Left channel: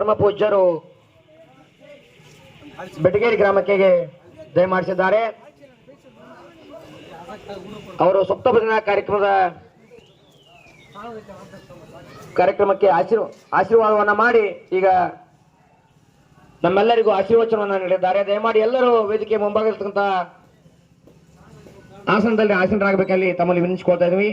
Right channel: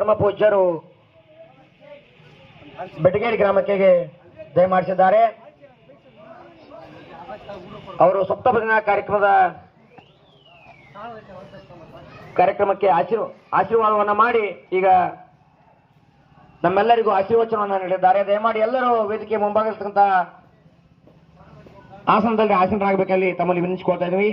ಪರಮ ಪೂಜ್ಯರು ಬೆಟಗೇರಿ ಗ್ರಾಮಕ್ಕೆ ದಯಮಾಡಿಸಿದ್ದಾರೆ. ಅವರು ಸಪ್ತಭಜನಾ ಕಾರ್ಯಕ್ರಮಕ್ಕೆ ಆಶೀರ್ವಾದವನ್ನ ಮಾಡಿ ಈಗ ನಮ್ಮೆಲ್ಲರಿಗೂ ಆಶೀರ್ವಚನವನ್ನು ನೀಡಿದ್ದಾರೆ. ದಯಮಾಡಿ ಎಲ್ಲರೂ ವೇದಿಕೆ ಮುಂಭಾಗಿರ್ತಕ್ಕಂಥ ಆಸನದಲ್ಲಿ ಆಸೀನರಾಗಬೇಕಲ್ಲಿ ತಮ್ಮಲ್ಲಿ ವಿನಿಸಿಕೊಳ್ತಾ ಇದ್ವಿ.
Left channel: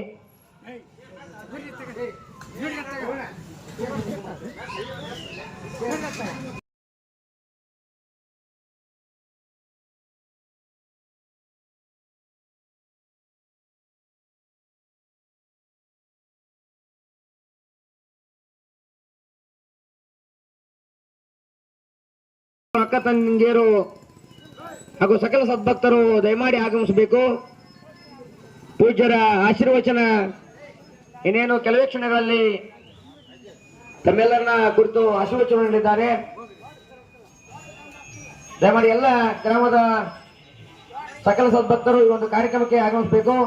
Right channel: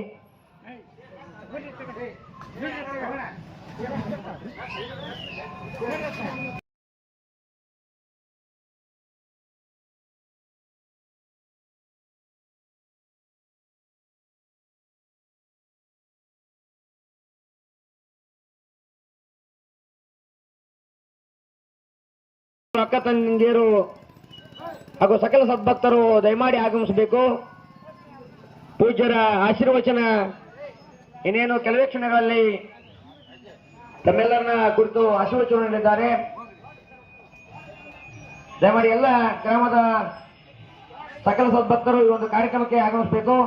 ಅಕ್ಕ ತಂಗಿಯರು ಹಾಗೂ ಸಕಲ ಸದ್ಭಕ್ತರು ದಯಮಾಡಿ ಆಗಮಿಸಬೇಕು. ಪೂಜ್ಯರ ಆಶೀರ್ವಚನ ಇನ್ನೇನು ಕೆಲವೇ ಕ್ಷಣಗಳಲ್ಲಿ ತಮ್ಮೆಲ್ಲರನ್ನ ಕುರಿತು ಆಶೀರ್ವಚನ ನೀಡಿದ್ದಾರೆ. ದಯಮಾಡಿ ಎಲ್ಲ ಗ್ರಾಮದ ಸಕಲ ಸದ್ಭಕ್ತರು ಈ ಒಂದು ಕಾರ್ಯಕ್ರಮಕ್ಕೆ ಆಗಮಿಸಬೇಕು.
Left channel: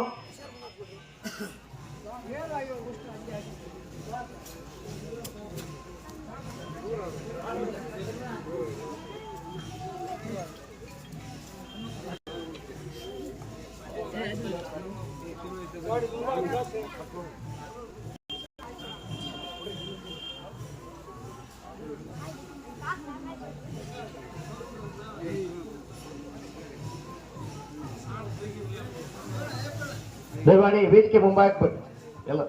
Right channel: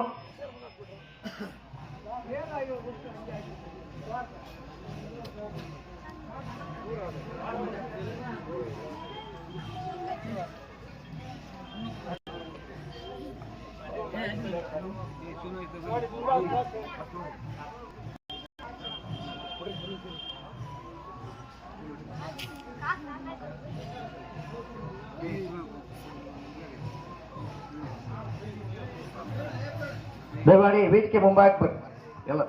ದಯಮಾಡಿ ವೇದಿಕೆ ಮುಂಭಾಗಕ್ಕೆ ಎಲ್ಲ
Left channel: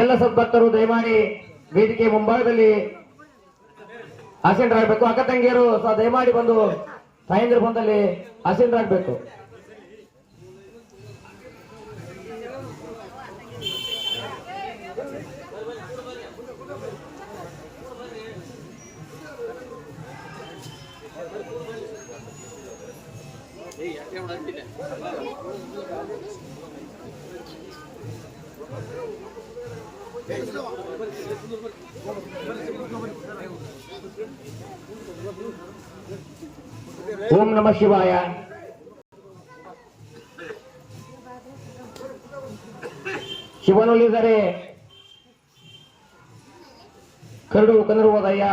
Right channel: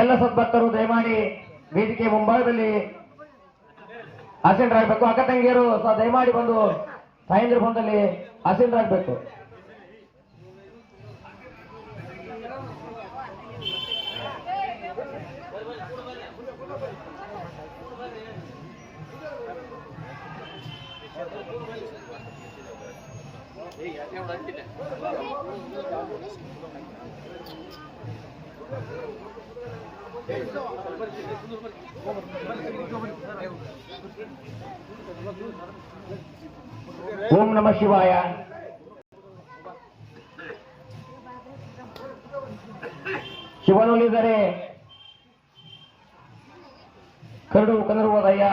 ಎಲ್ಲ ಸದ್ಭಕ್ತರು ದಯಮಾಡಿ ವೇದಿಕೆ ಮುಂಭಾಗದಲ್ಲಿ ಆಸೀನರಾಗಬೇಕು. ಅಕ್ಕ ತಂಗಿಯರು ದಯಮಾಡಿ ಬಂದು ತಾಯಂದ್ರ ಬಂದಲ್ಲಿ ಆಸೀನರಾಗಬೇಕು. ಓಂ ನಮಃ ಶಿವಾಯ. ಶಿವನೊಲಿದರೆ ಕರಡು ಕನರುವುದಯ್ಯ,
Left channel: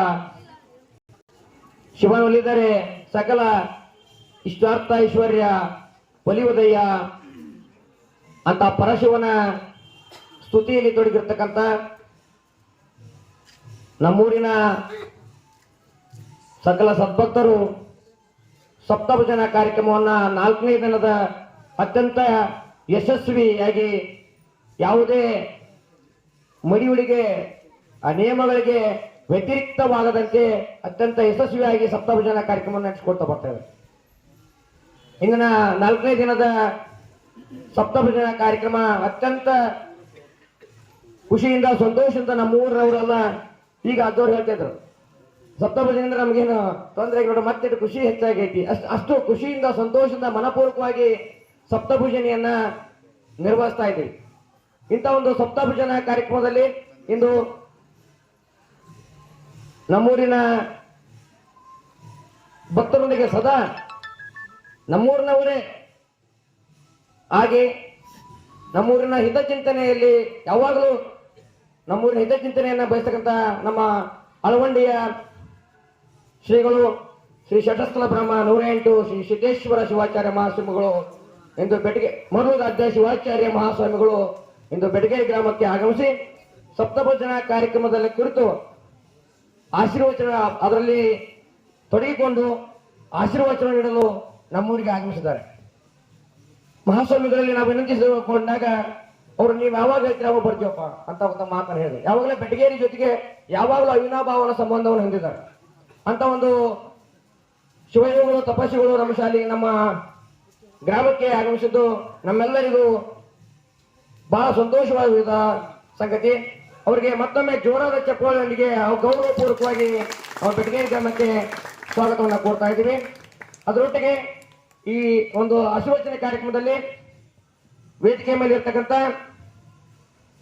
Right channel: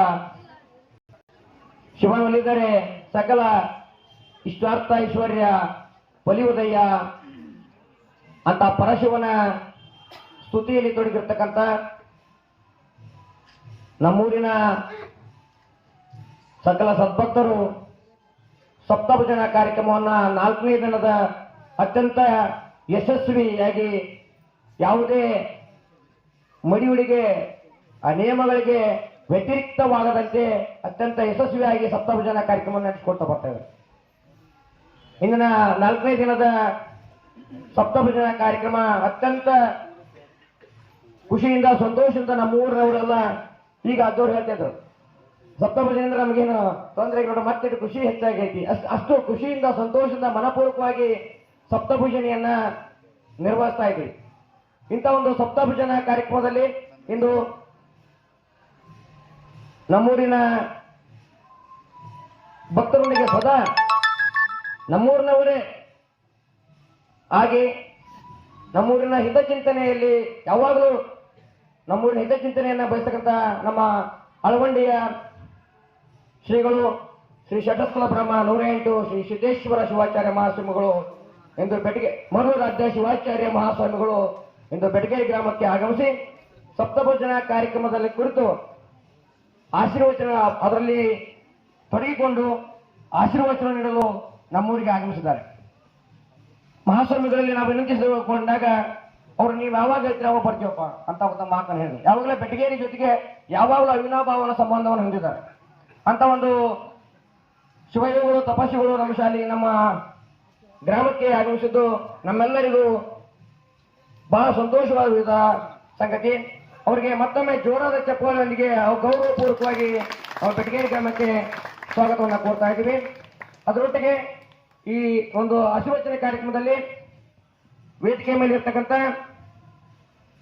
ಶಿವನೊಲಿದರೆ ಸಕಲ ಇಷ್ಟಾರ್ಥ ಐಶ್ವರ್ಯ ಒಲಿಯುವುದಯ್ಯ ಅಂತ ಪರಶಿವನ ಸ್ತುತಿಯಲ್ಲಿ ತೊಡಗಿರ್ತಕ್ಕಂಥ ನಮ್ಮೂರಿನ ಸಕಲ ಸದ್ಭಕ್ತರು ಸಪ್ತಭಜನಾ ಕಾರ್ಯಕ್ರಮವನ್ನು 4ನೇ ದಿನದ ಅತ್ಯಂತ ಯಶಸ್ವಿಯಾಗಿ ಯಾವುದೇ ಮಡಿಯುಳಿಗೆ ಆ ನಿಯಮಗಳಿಗೆ ವ್ಯತಿರಿಕ್ತವಾಗದಂತೆ ಅತ್ಯಂತ ಯಶಸ್ವಿಯಾಗಿ ಸಪ್ತಭಜನಾ ಕಾರ್ಯಕ್ರಮವನ್ನು ನಡೆಸಿಕೊಳ್ತಾ ಬರ್ತೇವೆ. ಇಂದಿನ 4ನೇ ದಿನದ ಸಪ್ತಭಜನಾ ಕಾರ್ಯಕ್ರಮ ಅತ್ಯಂತ ಖುಷಿಯಿಂದ ಸಂತೋಷದಿಂದ ನಮ್ಮೂರವರೆಲ್ಲ ಈಗ ಅದ್ದವ್ರು ಹೇಳ್ತಿದ್ರು, ಸಪ್ತಭಜನೆಯಿಂದ ನಮಗೇನು ತೊಂದರೆ ಇಲ್ಲ, ಮತ್ತೆ ಖುಷಿ ಹೆಚ್ಚಾಗೈತಿ. ಅಷ್ಟು ಖುಷಿಯಿಂದ ಸಂತೋಷದಿಂದ ಮನಪೂರ್ವಕವಾಗಿ ಸಪ್ತಭಜನೆಯನ್ನ ನಿರ್ವಹಿಸ್ತಾ ಇದ್ದೀವಿ. ಇಂಥ ಒಂದು ಸಪ್ತಭಜನಾ ಕಾರ್ಯಕ್ರಮದಲ್ಲಿ ಇಂದು ನಮ್ಮೂರಿನ ಭಕ್ತರೊಂದಿಗೆ ಸದಾ ನಮ್ಮೂರಿನವರೇ ಹಾಗೆ ನಮ್ಮೂರಿನ ಹಿತಚಿಂತನೆಯಲ್ಲಿ ಯಾವಾಗಲೂ ನಮ್ಮೂರಿನ ಹಿತಚಿಂತನೆಯನ್ನ ಬಯಸ್ತಕ್ಕಂಥ ನಮ್ಮ ಅಳವಂಡಿಯ ಶ್ರೀಗಳು ಶ್ರೀ ಶಟಸ್ಥಲ ಬ್ರಹ್ಮ 108 ಶ್ರೀ ಸಿದ್ದೇಶ್ವರ ಶಿವಾಚಾರ್ಯ ಮಹಾಸ್ವಾಮಿಗಳು ಇಂದು ಮರೂರು ರಾಜ್ಯ ಶಿವಾಚಾರ್ಯ ಮಹಾಸ್ವಾಮಿಗಳು ಇಂದು ಬೆಟಗೇರಿ ಗ್ರಾಮಕ್ಕೆ ಆಗಮಿಸಿ ಸಪ್ತಭಜನಾ ಕಾರ್ಯಕ್ರಮದಲ್ಲಿ ಕುರಿತು ಆಶೀರ್ವಚನ ಅದರಲ್ಲಿ ತೊಡಗಿಕೊಂಡು ಆಶೀರ್ವಚನ ನೀಡಲು ನಮ್ಮೂರಿಗೆ ಆಗಮಿಸಿದ್ದಾರೆ. ಮಹಾಸ್ವಾಮಿಗಳಲ್ಲಿ ನಾವು ವಿನಂತಿಸಿಕೊಂಡಾಗ ಅವ್ರು ನೀವು ಯಾವಾಗ ಹೇಳ್ತೀರ ಅವಾಗ ಬರ್ತೀವಪ್ಪ ಅಂತ ಒಂದು ಮಾತನ್ನು ಹೇಳಿದ್ರು. ಯಾವಾಗಲೇ ಬೆಟಗೇರಿ ಜೊತೆಗೆ ಯಾವಾಗಲೂ ಅವಿನಾಭಾವನ ಸಂಬಂಧವನ್ನು ಹೊಂದಿದ್ದಾರೆ. ಅಂತ ಒಂದು ಶಿವಯೋಗಿಗಳು ತಪಸ್ವಿಗಳು ನಮ್ಮ ಶಾಲೆ ನಮ್ಮ ಗ್ರಾಮಕ್ಕೆ ಆಗಮಿಸಿದ್ದು ನಮ್ಮೆಲ್ಲರಿಗೂ ಬಹಳ ಸಂತೋಷವಾದ ಸಂಗತಿ. ಅವರಿಗೆ ಮತ್ತೊಮ್ಮೆ ಜೋರಾದ ಚಪ್ಪಾಳೆಯೊಂದಿಗೆ ಗೌರವಪೂರ್ವಕವಾಗಿ ಅವರ ಬೆಟಗೇರಿ ಗ್ರಾಮಕ್ಕೆ ಸ್ವಾಗತವನ್ನು ಕೋರ್ತಾ ಇದ್ದೀವಿ. ಅದರೊಟ್ಟಿಗೆ ಈ ಒಂದು ಆಶೀರ್ವಚನೆ ಕಾರ್ಯಕ್ರಮದಲ್ಲಿ ವೇದಿಕೆ ಮೇಲೆ ಇರ್ತಕ್ಕಂಥ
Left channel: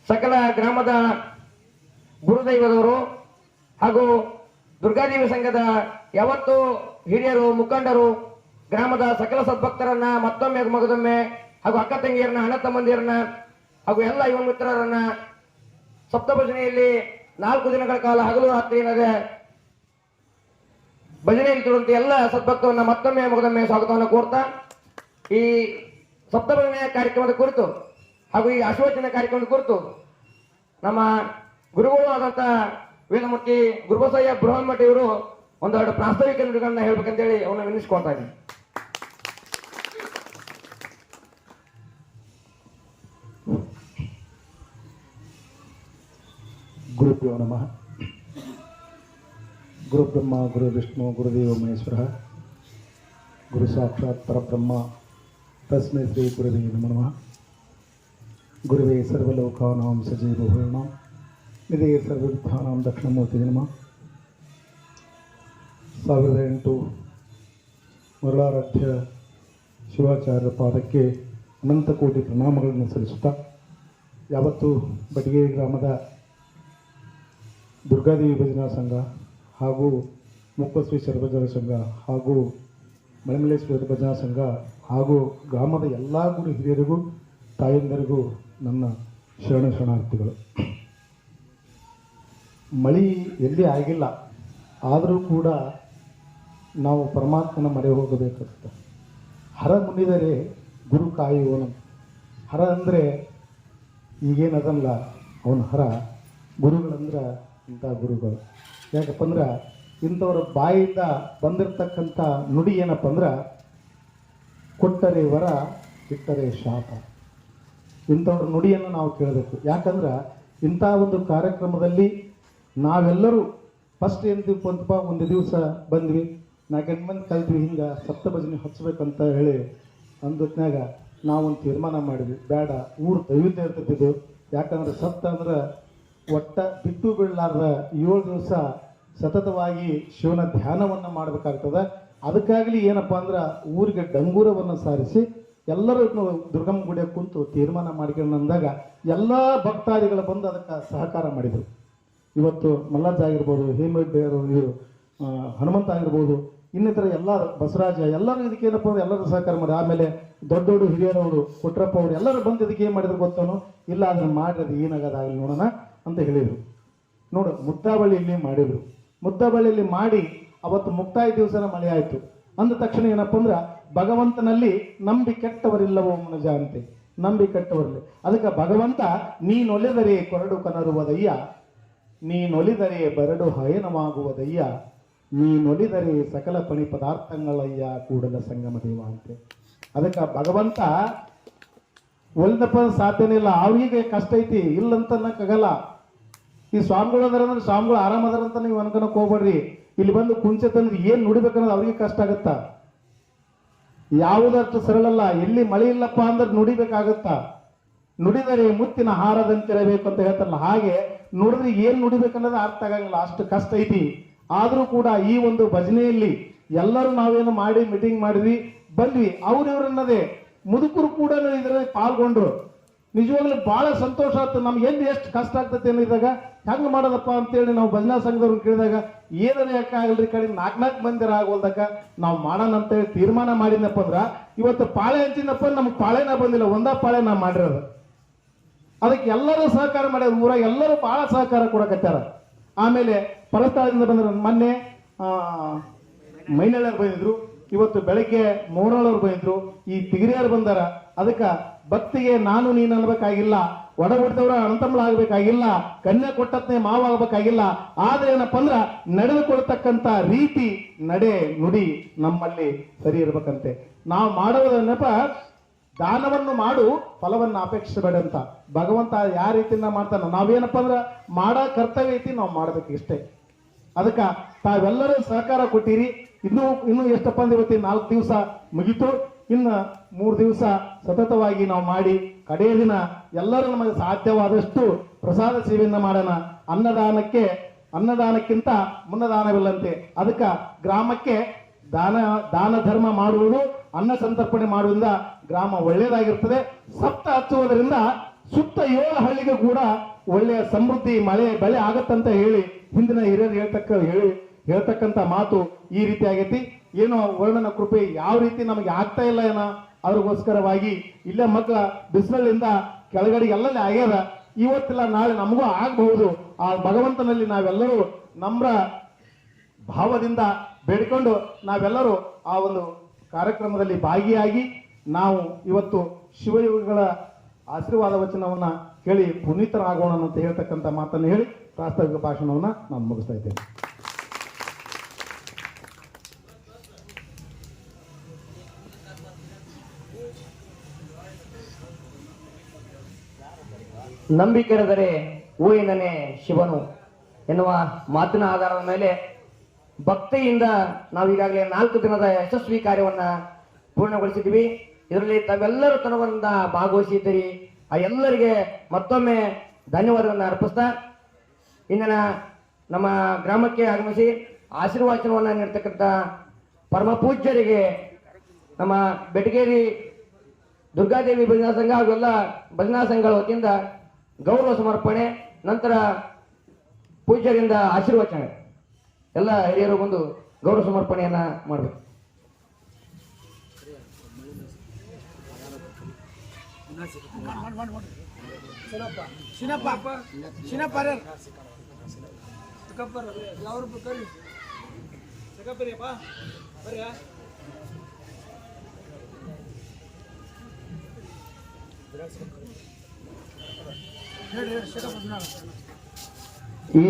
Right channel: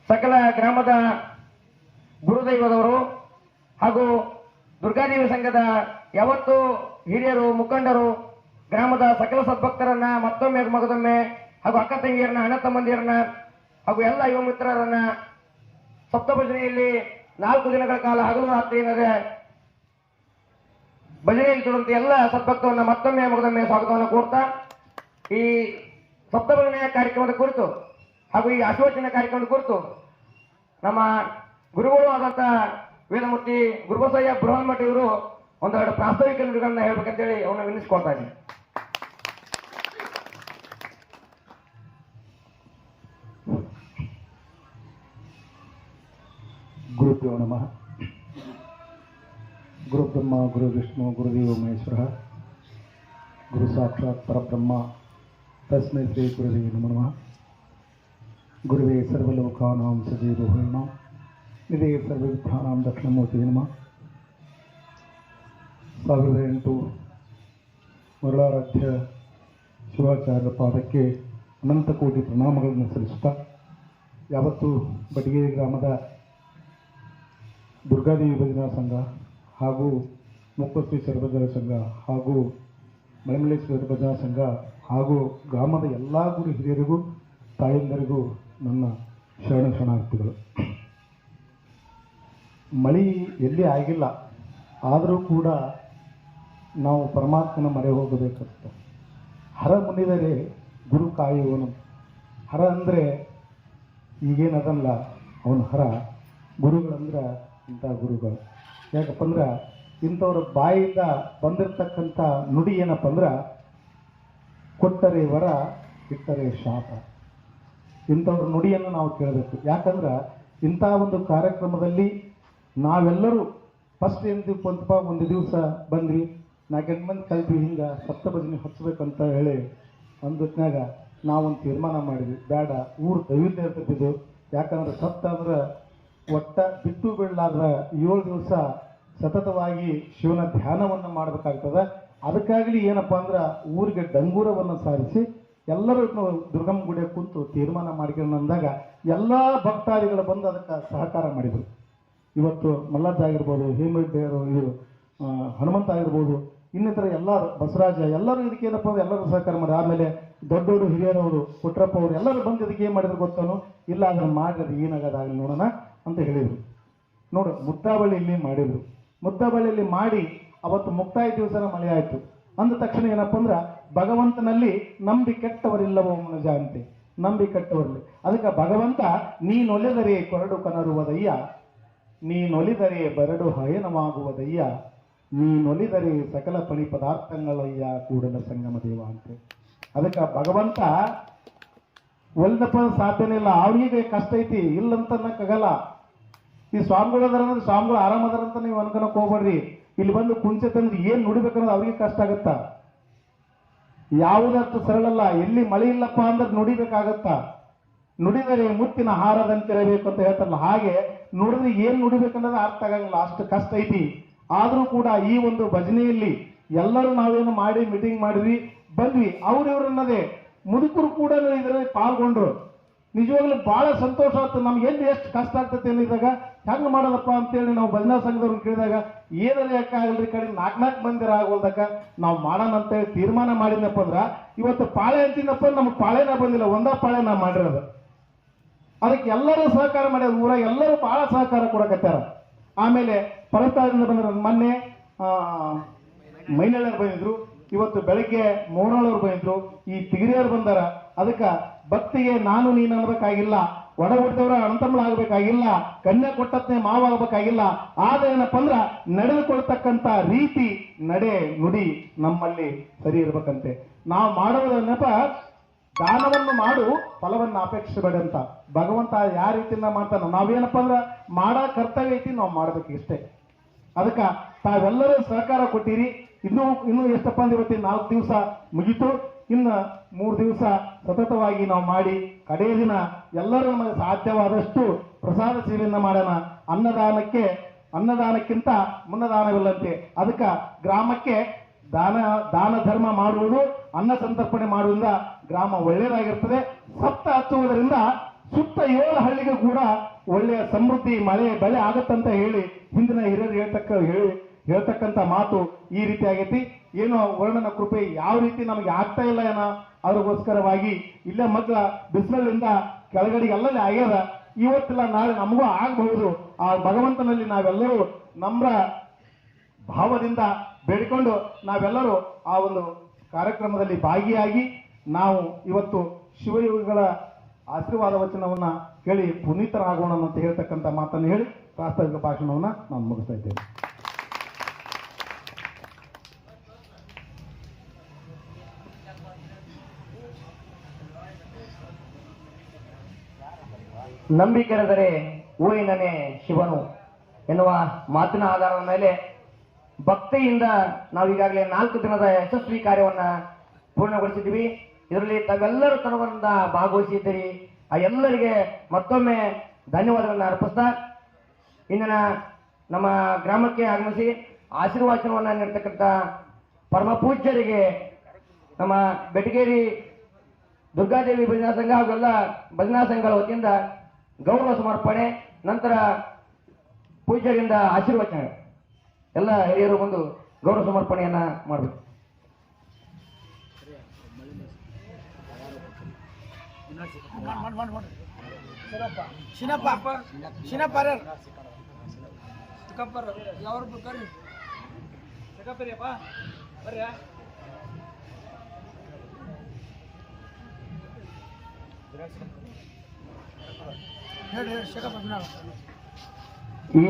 ಸಕಲ ಗ್ರಾಮದ ಗುರುದೈವದವರು ಹಾಗೂ ದುರ್ಗಾದೇವಿ ಸಂಘದ ಯಾವತ್ತು ಹಿರಿಯರು ಮುಖಂಡರು ಗ್ರಾಮದ ಸಕಲ ಸದ್ಭಕ್ತರನ್ನ ಮತ್ತೊಮ್ಮೆ ಮಗದೊಮ್ಮೆ ಹಾಗೂ ಅಕ್ಕ ತಂಗಿಯರನ್ನ ಅಣ್ಣ ತಮ್ಮಂದಿರನ್ನ ಹಾಗೂ ಎಲ್ಲ ಯುವ ಮಿತ್ರರನ್ನ ಸಪ್ತಭಜನೆಯಲ್ಲಿ 4 ದಿನಗಳ ಕಾಲ ಹಗಲು ರಾತ್ರಿ ಏನದೆ ಭಜನೆಯಲ್ಲಿ ತೊಡಂತ ಎಲ್ಲ ಸದ್ಭಕ್ತವನ್ನ ಮತ್ತೊಮ್ಮೆ ಮಗದೊಮ್ಮೆ ಸ್ವಾಗತವನ್ನು ಕೋರ್ತಾ ಈ ಸಪ್ತಭಜನೆಯ ಕಾರ್ಯಕ್ರಮದ ಕುರಿತು ಹಾಗೂ ಈ ಆಶೀರ್ವಚನ ಕಾರ್ಯಕ್ರಮದ ಕುರಿತು ನಮ್ಮ ಗುರುಗಳು ಆದಂತ ವೇದಮೂರ್ತಿ ಗುರುಬಸಯ್ಯ ಬೃಹನ್ಮಠ ಇವರು ಒಂದೆರಡು ಪ್ರಾಸ್ತಾವಿಕ ನುಡಿಗಳನ್ನ ಹೇಳ್ಬೇಕಂತೇಳಿ ಅವನ್ನ ವಿನಿಸ್ಕೊಳ್ತಾ ಇದ್ದೀನಿ. ಗುರುಭ್ಯೋ ನಮಃ. ಗುರುಬ್ರಹ್ಮ ಗುರು ವಿಷ್ಣು ಗುರುದೇವ ಮಹೇಶ್ವರ ಗುರು ಸಾಕ್ಷಾತ್ ಪರಬ್ರಹ್ಮ ತಸ್ಮೈ ಶ್ರೀ ಗುರುವೇ ನಮಃ. ಗುರುವೇ ಸರ್ವಲೋಕಾನಾಂ ಸಜೀವೋಹರಣಂ ನಿಧೇ ಸರ್ವವಿದ್ಯಾನಾಂ ದಕ್ಷಿಣಮೂರ್ತಿ ನಮಃ. 1008 ಮರುಳಾರಾಧ್ಯ ಶಿವಾಚಾರ್ಯರ ಪಾದಕ್ಕೆ ಅನಂತ ಕೋಟಿ ಪ್ರಣಾಮಗಳನ್ನು ಸಲ್ಲಿಸುತ್ತಾ, ಯಾವತ್ತು ಬಟಗೇರಿ ಗ್ರಾಮದ ದುರ್ಗಾದೇವಿ ಭಜನಾ ಸಂಘ ಹಾಗೂ ಮುಪ್ಪಶ್ರೀ ಭಜನಾ ಸಂಘ ಹಾಗೂ ಮಳೆಮಲ್ಲೇಶ್ವರ ಭಜನಾ ಸಂಘ ಹಾಗೂ ಗ್ರಾಮದ ಎಲ್ಲ ಗುರು ಹಿರಿಯರಿಗೂ ತಾಯಂದರಿಗೂ ನನ್ನ ಶರಣಾರ್ಥಿಗಳು. ಮಳೆ ಎಲ್ಲಿ ಆಗಿಲ್ಲ, ಆದರೂ ಕೂಡ ನಾವು ಪರಮಾತ್ಮನ ಮೊರೆ ಹೋಗಬೇಕಂತ. ಹರ ಮುನಿದರೆ ಗುರು ಕಾಯುವನು. ಹರ ಅಂದರೆ ಈಗೇನದಲ್ಲ, ಅವನ ಹರ. ಗುರುಗಳಂದ್ರೆ ಇಂಥ ಗುರುಗಳು. ಯಾಕಪ್ಪ ಅಂದ್ರೆ ಇಂಥವ್ರ ಬಾಯಿಂದ ಬಂದಿರತಕ್ಕಂಥ ನುಡಿ ಏನಪ್ಪ ಅಂದ್ರೆ, ಕೊಟ್ಟರೆ ವರ ಇಟ್ಟರೆ ಶಾಪ. ಇಂಥವ್ರ ನುಡಿಯನ್ನು ನಾವು ಕೇಳಬೇಕು. ಯಾಕಂದ್ರೆ ಇಂಥ ಒಂದು ಕಾರ್ಯಕ್ರಮದಲ್ಲಿ ನಾವೆಲ್ಲರೂ ಫಸ್ಟ್ ಏನ್ತೀವಪ್ಪ ಅಂತಪ್ಪ, ಒಂದು ದಿವಸ ಬಂದ್ವಿ, 4 ಮಂದಿ ಕಲ್ತ್ವಿ, ಹಿಂಗೆ ಸಪ್ತಭಜನೆ ಹಚ್ಚಬೇಕಂತ ಹೇಳಿ ಅಂದತ್ನಾಗ ನಾವೊಂದು ತೀರ್ಮಾನ ಮಾಡಿದ್ವಿ, ಬೇಡ ಊರು ದೈವಿದ್ಯ ಇರ್ತಿದ್ದು. ಯಾಕಂದ್ರೆ ಸಪ್ತ ಅಂದ್ರೆ ಒಟ್ಟ ಬಿಟ್ಟು ಬಿಡಲಾರ್ದ 7 ದಿವಸ ಸತತವಾಗಿ ಶಿವನ ಧ್ಯಾನವನ್ನು ಮಾಡಬೇಕಾಗ್ತದೆ. ಅದಕ್ಕಾಗಲಿ ಏನಪ್ಪ ಅಂದ್ರೆ ಊರಿಗೆ ಡಂಗೂರವನ್ನು ಸಾರಿಸಿ ಎಲ್ಲರೂ ದುರ್ಗಮ್ಮ ಗುಡಿಯ ಕುಂತು ತೀರ್ಮಾನ ಮಾಡ್ಕೊಂಡು ಅಂದಾಗ ಎಲ್ಲ ಭಕ್ತಾದಿಗಳು ಬಂದು ಅದಕ್ಕೆ ಸಹಕಾರ ಮಾಡಿದರು. ಇವತ್ತು ಮಲ್ಲಜ್ಜ ಆಗಿರ್ಬೋದು, ಹೇಮರೆಡ್ಡಿಯವರು, ಇವರು ಹನುಮಂತ ಆಗಿರ್ಬೋದು, ಇನ್ನಿತರ ಎಲ್ಲ ಬಸವರಾಜ, ಎಲ್ಲರೂ ಇದಕ್ಕೆ ಏನಪ್ಪ ಅಂದ್ರೆ ಎಲ್ಲರೂ ಸಹಕಾರ ಮಾಡಿ. ಆಮೇಲೆ ದೊಡ್ಡ ದೊಡ್ಡ ಹಿರಿಯರವರು, ಪುಟ್ರಪ್ಪ ಅವರು ಎಲ್ಲರೂ ಬಂದು ಇದಕ್ಕೆ ಏನು ಮಾಡಿದ್ರು ಗೊತ್ತೇನು, ಇಲ್ಲ ಅದನ್ನು ಮಾಡಿರೋದು ಏನಾಗೋದಾಗಲಿ ನೋಡೋಣ ಅಂತ ಹೇಳಿದರು. ನೋಡು, ಮುದ್ದಾಬಳ್ಳಿಯಲ್ಲಿ ಮಾಡಿದರು. ಮುದ್ದಾಬಳ್ಳಿಯಲ್ಲಿ ಮಾಡಿ ಅವತ್ತು ಮುಕ್ತಾಯ ದಿವಸನ ಮಳೆ ಆಯಿತು. ಅಂದ ತಕ್ಷಣ ಏನಪ್ಪ ಅಂದ್ರೆ, ಭಗವಂತನಲ್ಲಿ ನಂಬಿ ಕೆಟ್ಟವರಿಲ್ಲವೋ ಮನುಜ ಅಂತೆ, ನಂಬಿ ಕೆಟ್ಟವರಲ್ಲಿ. ಅದಕ್ಕೆ ಭಗವಂತ ನೀನೊಲೆದರೆ ಕೊರಡು ಕನರುವುದಯ್ಯ, ನೀನೊಲಿದರೆ ಬರಡು ಹಯನವಾಗುವುದಯ್ಯ, ನೀನೊಲಿದರೆ ಸಕಲ ಪಣಿ ಪದಾರ್ಥಗಳಯ್ಯ ಕೂಡಲ ಸಂಗಮ ದೇವ ಅಂತೆ. ಅದಕ್ಕೆ ಭಗವಂತ ಒಲಿದಪ್ಪ ಸಾಧ್ಯನೇ ಇಲ್ಲ. ಅವ್ರಿಗೆ ಕಷ್ಟ ಐತಿ ಇಲ್ಲಂತ ಅನ್ನಕ್ಕಾಗಲ್ಲ. ಈ ಸ್ವಾಮಿಗಳು ಅದಾರ ಅಂದ್ರೆ ಸ್ವಾಮಿಗಳು ಆರಾಮದಾರ ಅಂತ ನೀವು ಅನ್ಕೊಳಕ್ ಹೋಗ್ಬೇಡ್ರಿ. ಇಲ್ಲಿ ಬಂದು ಕುಂಚೆ ತಂದ್ರೆ ಏನ್ ನುಡಿಬೇಕನ್ನೋದು ಅವ್ರಿಗೆ ಕಷ್ಟ ಆಗತ್ತ. ಯಾವುದಷ್ಟು ಸರಳಲ್ಲ. ಎಲ್ಲಿ ಮಳೆ ಇಲ್ಲಪ್ಪ ಅಂದ್ರೆ ನುಡಿಬೇಕಾಗತ್ತ. ನುಡಿದರೆ ಮುತ್ತಿನ ಹಾರದಂತಿರಬೇಕು ಅಂತ ಹೇಳ್ತಾರಲ್ಲ, ಹಾಗೆ ನುಡಿದ್ರೆ ಏನ್ ನುಡಿಬೇಕನ್ನೋದು ಅರ್ಥ ಆಗಂಗಿಲ್ಲ, ಅಷ್ಟು ಕಷ್ಟ ಐತಿ. ಆದ್ರೂ ಕೂಡ ಈ ಒಂದು ಭಜನೆಯಲ್ಲಿ ಎಲ್ಲರೂ ನಾವೇನು ಮಾಡಿ ಮೀಟಿಂಗ್ ಮಾಡಿದ್ವಿ, ಬಂದ್ವಿ. ಅವ್ರನ್ನದೇ ಮುದುಕರು ಕೂಡ ಇದರಲ್ಲಿ ಪಾಲ್ಗೊಂಡ್ರು. ನಿಜವಾಗ್ಲೂ ಬಹಳ ಸಂತೋಷ ಆಗ್ತದೆ. ನಮ್ಗೆ ಎಲ್ಲಿ ಎಷ್ಟು ಕಷ್ಟ ಆಗ್ತದೆ ಅನ್ನಿದಾಗ ಹೆಂಗೆ ಮಾಡೋದಪ್ಪ ಅಂತೇಳಿ ನಾವು ಭಜನಾ ಸಂಘದವ್ರನ್ನ ಕೇಳಿದಾಗ ಏನಾರ ಯಾಕಾಗಲ್ರಿ ಕಡೆ 4 ಮಂದಿರ ಆಗೋಲ್ದಾಗ ನಾವು ಮಾಡೋಣ ಅಂತೇಳಿ ತೀರ್ಮಾನ ಮಾಡಿದ್ನಪ್ಪ ಅಂದ್ರ, ಇವತ್ತು ಪಾಳೆ ಅಂತಿದ್ದಪ್ಪ ನಮ್ಗೆ ಪಾಳೆನ ಬಂದಿಲ್ಲ, ಒಂದ ಪಾಳೆ ನಾವು ಮಾಡಿರೋದು. ಅದಕ್ಕೆ ಎಲ್ಲರೂ ಸಹಕಾರ ಮಾಡ್ಯಾರ. ಊರಾಗ ಎಲ್ಲರೂ ಬಹಳ ಸಹಕಾರ ಕೊಡಕತ್ತಾರ. ಆಮೇಲೆ ಪರಸ್ಥಳದಿಂದ ಬಂದ್ರು. ಮೊನ್ನೆ ಮೈನಳ್ಳರು ಬಂದಿದ್ರು, ಇವತ್ತು ಬೆಳಗ್ಗೆ ಮೋರಳವ್ರು ಬಂದಿದ್ರು, ಈ ತಿಗಿರಿಯರು ಬಂದಾರ. ಅದಕ್ಕೆ ಭಕ್ತಿಗೆ ನಾನು ನೀನು ಅನ್ಬೇಕಾಗಿಲ್ಲ, ಒಡ ಹುಟ್ಟಿದವರ ಅಣ್ತಂಬಳ ಆಗ್ಬೇಕಾಗಿಲ್ಲ, ಕನ್ಯಾ ಕೊಟ್ಟತ್ನೇ ಮಾವ ಆಗ್ಬೇಕಾಗಿಲ್ಲ. ಆದ್ರೆ ಏನಪ್ಪ ಅಂದ್ರ ನಡೆದುಕೊಳ್ತಕ್ಕಂಥ ರೀತಿ, ನಡೆ, ನುಡಿ ನಮ್ಮಲ್ಲಿ ಸರಿ ಇರ್ಬೇಕಂತೆ. ನಾವು ಮಾಡೋದನ್ನಪ್ಪ ದಾನವನ್ನು ಮಾಡು, ಫಲವನ್ನು ಅಪೇಕ್ಷಿಸಬೇಡ ಅಂತ ಭಗವಂತ ಯಾವ ರೀತಿಯಿಂದ ಮಾಡ್ತಾನ. ನಾವೇನಪ್ಪ ಅಂದ್ರ ಮಾಡೋ ಕರ್ತವ್ಯ ಐತಿ, ನಾವು ಮಾಡ್ಬೇಕು ಇಷ್ಟೇ. ಅದಕ್ಕೆ ತಾವೆಲ್ಲರೂ ಸಹಕಾರ ಕೊಟ್ಟಿರಿ. ಇನ್ನು ಎಷ್ಟಪ್ಪ ಅಂದ್ರೆ ಇವತ್ತು 4 ದಿವಸ ಮುಗಿತು. ಇನ್ನು 3 ದಿವಸ ಸತತವಾಗಿ ನಾವು ಮಾಡಿ ಕಡೆಯ ದಿನ ಎಲ್ಲರೂ ನಮಗೆ ಸಾಧ್ಯವಾದಷ್ಟು ಪ್ರಸಾದ ಸೇವೆಯನ್ನ ಮಾಡೋಣ. ಅನ್ನದಾನಕ್ಕಿಂತ ಮುನ್ನದಾನವಿಲ್ಲಂತೆ. ಅದಕ್ಕೆ ಗ್ರಾಮಕ್ಕೆ ದಾನ ಧರ್ಮ ಮಾಡುವುದು, ಅನ್ನ ಸಂತರ್ಪಣೆ ಮಾಡುವುದರಿಂದ ಗ್ರಾಮ ಒಳ್ಳೆಯದಾಗಿರ್ತದೆ. ಸಪ್ತ ಹಚ್ಚುವುದರಿಂದ ಸುತ್ತ 7 ಹಳ್ಳಿಗೂ ಕೂಡ ಒಳ್ಳೆಯ ಸಮೃದ್ಧಿ ಮಳೆ ಬೆಳೆ ಆಗುತ್ತಂತ ಹೇಳಿ ಹಿಂದಿನ ಹಿರಿಯರು ಹೇಳ್ತಕ್ಕಂಥ ಮಾತು ಈ ರೀತಿ ಆಗೈತಿ. ಏನೋ ವರ್ಣನ ಕೃಪೆ ಯಾವ ರೀತಿ ನಮಗೆ ಆಗ್ತಾ ಇಲ್ಲ ಏನೋ ಅವ್ರಿಗೋಸ್ಕರವಾಗಿ ಇಲ್ಲೇ ಮಕ್ಕಳ ಬಿಸಿಲಿಂದ ಕೆಳಗಡೆ ಎಲ್ಲಲ್ಲಿ ಆಗ್ಯದ. ಇವತ್ತಿಲ್ಲ ನಾಳೆ ನಮಗೂ ಆಗಬಹುದು. ಆ ಭಗವಂತನಲ್ಲಿ ನಾವೆಲ್ಲರೂ ನಮ್ರ ಭಾವದಿಂದ ಬೇಡಿಕೊಂಡು ನಾವೆಲ್ಲರೂ ಆ ಒಂದು ಕಾರ್ಯಕ್ರಮದಲ್ಲಿ ಭಾಗಿಯಾಗಿ ನಾವು ಇವತ್ತು ಶಿವಯೋಗಿಗಳ ಆಶೀರ್ವಾದ ವಚನವನ್ನ ಕೇಳಿ ಪುನೀತರಾಗೋಣ ಅಂತ ಹೇಳ್ತಕ್ಕಂಥ ಮಾತನ್ನು ಹೇಳಿ ಪ್ರಾಸ್ತಾವಿಕ ಭಾಷಣವನ್ನ ನಾನು ಮುಗಿಸ್ತಾ ಇದ್ದೇನೆ. ನಂಬಿಕೆರೆದರೆ ಊರಿನನೇ ಶಿವನು ಎನ್ನುವ ಮಾತಿನ ಆಧಾರದ ಮೇಲೆ ಭಕ್ತಿಯಿಂದ ನಾವು ಈಗಾಗಲೇ 4 ದಿನದ ಯಶಸ್ವಿ ಕಾರ್ಯವನ್ನ ಪೂರ್ಣಗೊಳಿಸಿದ್ದೀವಿ. ಇದರಲ್ಲಿ ತಾವೆಲ್ಲರೂ ತನವರಿಂದ ಭಾಗವಹಿಸಿದ್ದೀರಿ. ಆ ಎಲ್ಲರಿಗೆ ಮತ್ತೊಮ್ಮೆ ಧನ್ಯವಾದಗಳನ್ನು ಅರ್ಪಿಸ್ತಾ ಇಂದಿನ ನಮ್ಮ ಗ್ರಾಮಕ್ಕೆ ಆಗಮಿಸಿ ಆಶೀರ್ವಾಚನವನ್ನು ನೀಡ್ತಕ್ಕಂಥ ಪರಮ ಪೂಜ್ಯರಿಗೆ ನಮ್ಮ ಬೆಟಗೇರಿ ದುರ್ಗಾದೇವಿ ಭಜನಾ ಸಂಘ ಹಾಗೆಲ್ಲ ಭಜನಾ ಸಂಘಗಳ ವತಿಯಿಂದ ಗೌರವ ಸಮರ್ಪಣೆ, ನಂತರ ಪೂಜ್ಯರಿಂದ ಆಶೀರ್ವಚನ. ಎಲ್ಲ ಹಿರಿಯರು ಬಂದು ಗೌರವ ಸಮರ್ಪಣೆಯನ್ನ ಮಾಡಬೇಕು. ಈ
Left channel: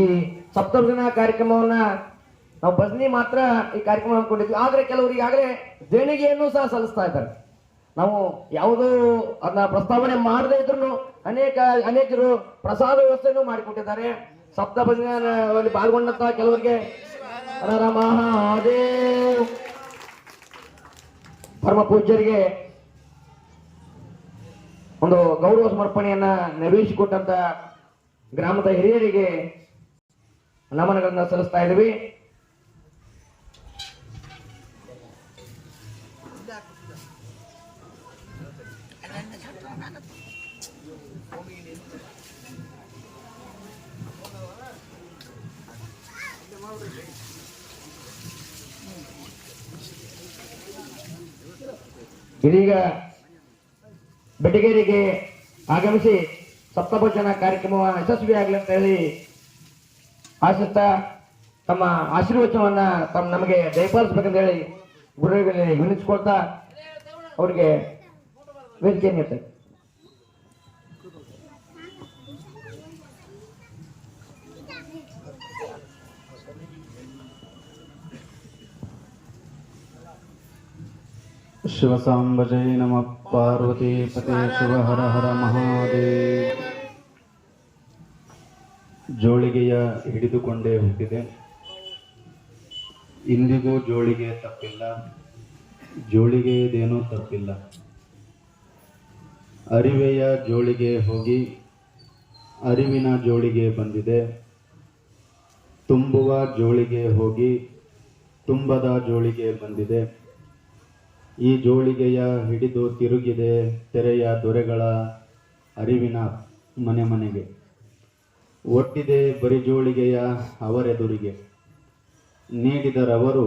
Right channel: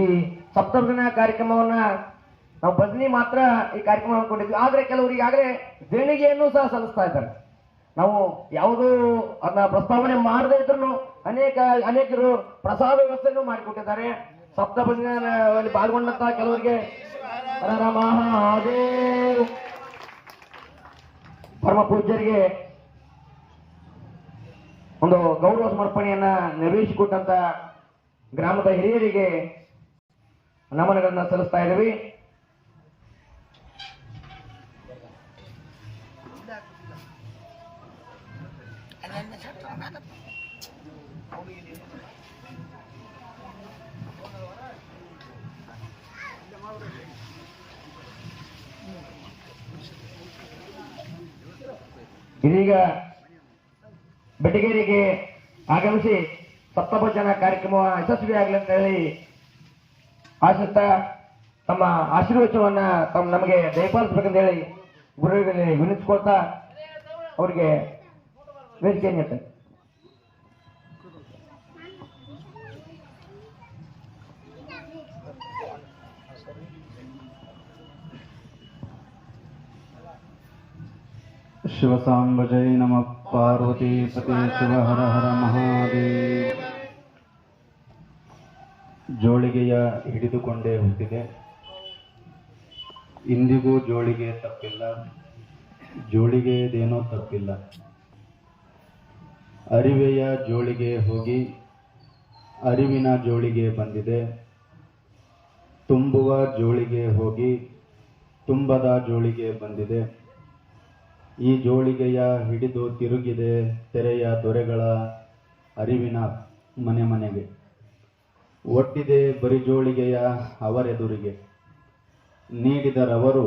ಸಪ್ತಭಜನ ಕಾರ್ಯಕ್ರಮವನ್ನ ನಾವು ಭಜನಿ ಮಾತ್ರ ಈ ಕಾರ್ಯಕ್ರಮ ಅಂದ್ಕೊಂಡಿದ್ವಿ. ಆದ್ರೆ ಕೆಲವರು ಈಗಾಗಲೇ ದೇಣಿಗೆಯನ್ನು ಸಹ ಸಲ್ಲಿಸ್ತಾ ಇದ್ದಾರೆ. ನಾವು ಯಾವುದೂ ಅದನ್ನ ಪ್ರಸ್ತಾವನೆ ಮಾಡದೇ ಇದ್ರು ಅನೇಕರು ಪ್ರಸಾದ ವ್ಯವಸ್ಥೆಯನ್ನು ಮಾಡಿಕೊಟ್ಟಿದ್ದಾರೆ. ಸಪ್ತಭಜನೆಯಲ್ಲಿ ಪಾಲ್ಗೊಂಡಂತ ಕೆಲವರಿಗೆ ಮಹಾದೇವ್ ಪರಮ ಪೂಜ್ಯರಿಗೆ ಒಂದು ಗೌರವ ಸಮರ್ಪಣೆಯನ್ನ ನೆರವೇರಿಸಿಕೊಟ್ಟಂತ ಗ್ರಾಮದ ಹಿರಿಯರಿಗೆ ನಮನಗಳನ್ನ ಸಲ್ಲಿಸ್ತಾ ಇದ್ದೀವಿ. ಇದೀಗ ಬೆಟಗೇರಿಗೆ ಆಗಮಿಸಿ ಸಪ್ತಭಜನ ಕಾರ್ಯಕ್ರಮ ಯಶಸ್ವಿಯಾಗಲಿ ಅಂತ ಹೇಳಿ ಆಶಿಸ್ತಾ ತಮ್ಮ ಆಶೀರ್ವಚನವನ್ನ ನಮಗೆ ದಯಪಾಲಿಸಬೇಕಂತ ಹೇಳಿ ಗುರುಗಳಿಗೆ ವಿನಿಸ್ಕೊಳ್ತಾ ಅವರಿಗೆ ವೇದಿಕೆ ನೀಡ್ತಾರೆ. ಶಿವಸಾಂಬಜೈ ನಮಃ ಪಾರ್ವತಿ ಪತಿ ಶಿವ ಹರ ಹರ ಮಹಾದೇವ. ಜೋಳಿಗೆಯ ಹಿಡಿದುಕೊಂಡೇ ಹುಟ್ಟಿದೆ, ಇಂದಿಗೂ ಜೋಳಿಗೆ ತಪ್ಪಿಲ್ಲ, ಜೋಳಿಗೆಯದೇನೋ ತಪ್ಪಿಲ್ಲ. ಅರಿವೆಯ ಜೋಳಿಗೆ ಹೋಗಿ ಅರಿವಿನ ಜೋಳಿಗೆ ಬಂದಿದೆ, ತುಂಬುವ ಜೋಳಿಗೆ ಹೋಗಿ ತುಂಬದ ಜೋಳಿಗೆ ಬಂದಿದೆ. ಈ ಜೋಳಿಗೆಯ ಹಿಡಿದು ತಿರುಗಿದೆ ತೆರೆಯ ದೊರೆಗಳ ಅರಿವಿನ ಮನೆ ಮನೆಗೆ. ಒಟ್ಟಿದೆ ಬರಿ ಜೋಳಿಗೆಯ ಅವರೆದುರಿಗೆ, ನೀಡಿದರವರು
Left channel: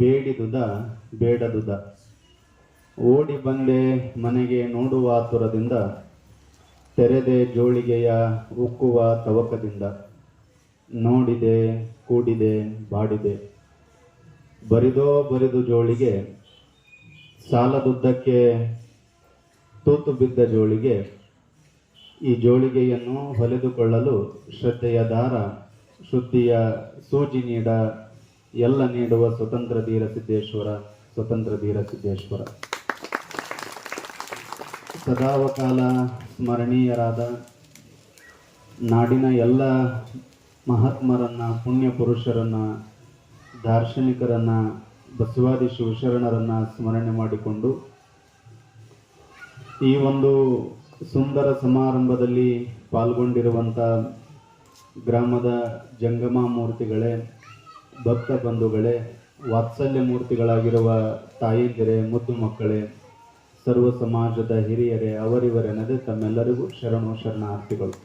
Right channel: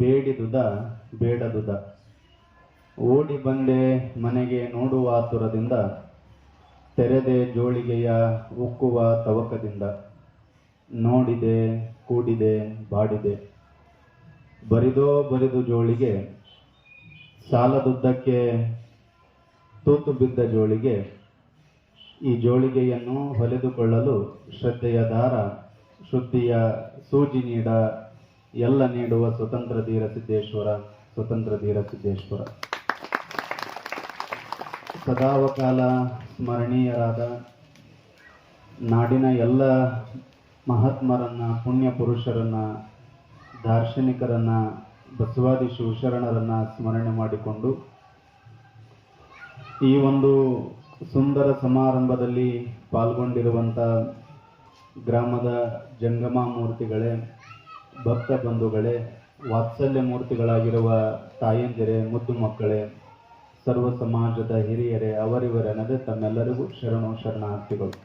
ಬೇಡಿದುದ ಬೇಡದುದ. ಓಡಿ ಬಂದೆ ಮನೆಗೆ ನೋಡುವ ಆತುರದಿಂದ, ತೆರೆದೆ ಜೋಳಿಗೆಯ ಉಕ್ಕುವ ತವಕದಿಂದ. ನೋಡಿದೆ ಕೂಡಿದೆ ಬಾಡಿದೆ, ಬರಿದೋ ಬರಿದು ಜೋಳಿಗೆ, ಸಾಲದುದ್ದಕ್ಕೆ ತೂತು ಬಿದ್ದ ಜೋಳಿಗೆ. ಈ ಜೋಳಿಗೆಯನ್ನು ಹೊಲೆದುಕೊಳ್ಳಲು ಶ್ರದ್ಧೆಯ ದಾರ, ಶುದ್ಧಿಯ ಸೂಜಿ ನೀಡ ಎಲ್ಲ ನೀಡುವ ಸ್ವತಂತ್ರ ಧೀರ ಸಿದ್ದೇಶ್ವರ, ಸ್ವತಂತ್ರ ಧೀರ ಸಿದ್ದೇಶ್ವರ. ಸದಾವಕಾಲ ಸ್ಮರಣೀಯರಾದ ನಾಡಿನ ಎಲ್ಲ ಮಹಾತ್ಮರನ್ನ, ಪುಣ್ಯ ಪುರುಷರನ್ನ, ದಾರ್ಶನಿಕರನ್ನ, ಬಸವಾದಿ ಶಿವಶರಣರನ್ನ ಸ್ಮರಣೆ ಮಾಡಿಕೊಂಡು ಈ ಒಂದು ಸುಂದರ ಸಮಾರಂಭದಲ್ಲಿ ಪಾಲ್ಗೊಂಡಿರುವಂಥ ಗ್ರಾಮದ ಜಂಗಮ ಮೂರ್ತಿಗಳೇ, ಭಕ್ತ ಬಂಧುಗಳೇ, ವಾತ್ಸಲ್ಯ ಮೂರ್ತಿಗಳಾಗಿರುವ ತಾಯಂದಿರೇ, ಮುದ್ದು ಮಕ್ಕಳೇ, ಸರ್ವ ಸಮಾಜದ ಹಿರಿಯರೇ, ಅವರಿವರೆನದೆ ತಮ್ಮೆಲ್ಲರಿಗೂ ಶರಣು ಶರಣಾರ್ಥಿಗಳು.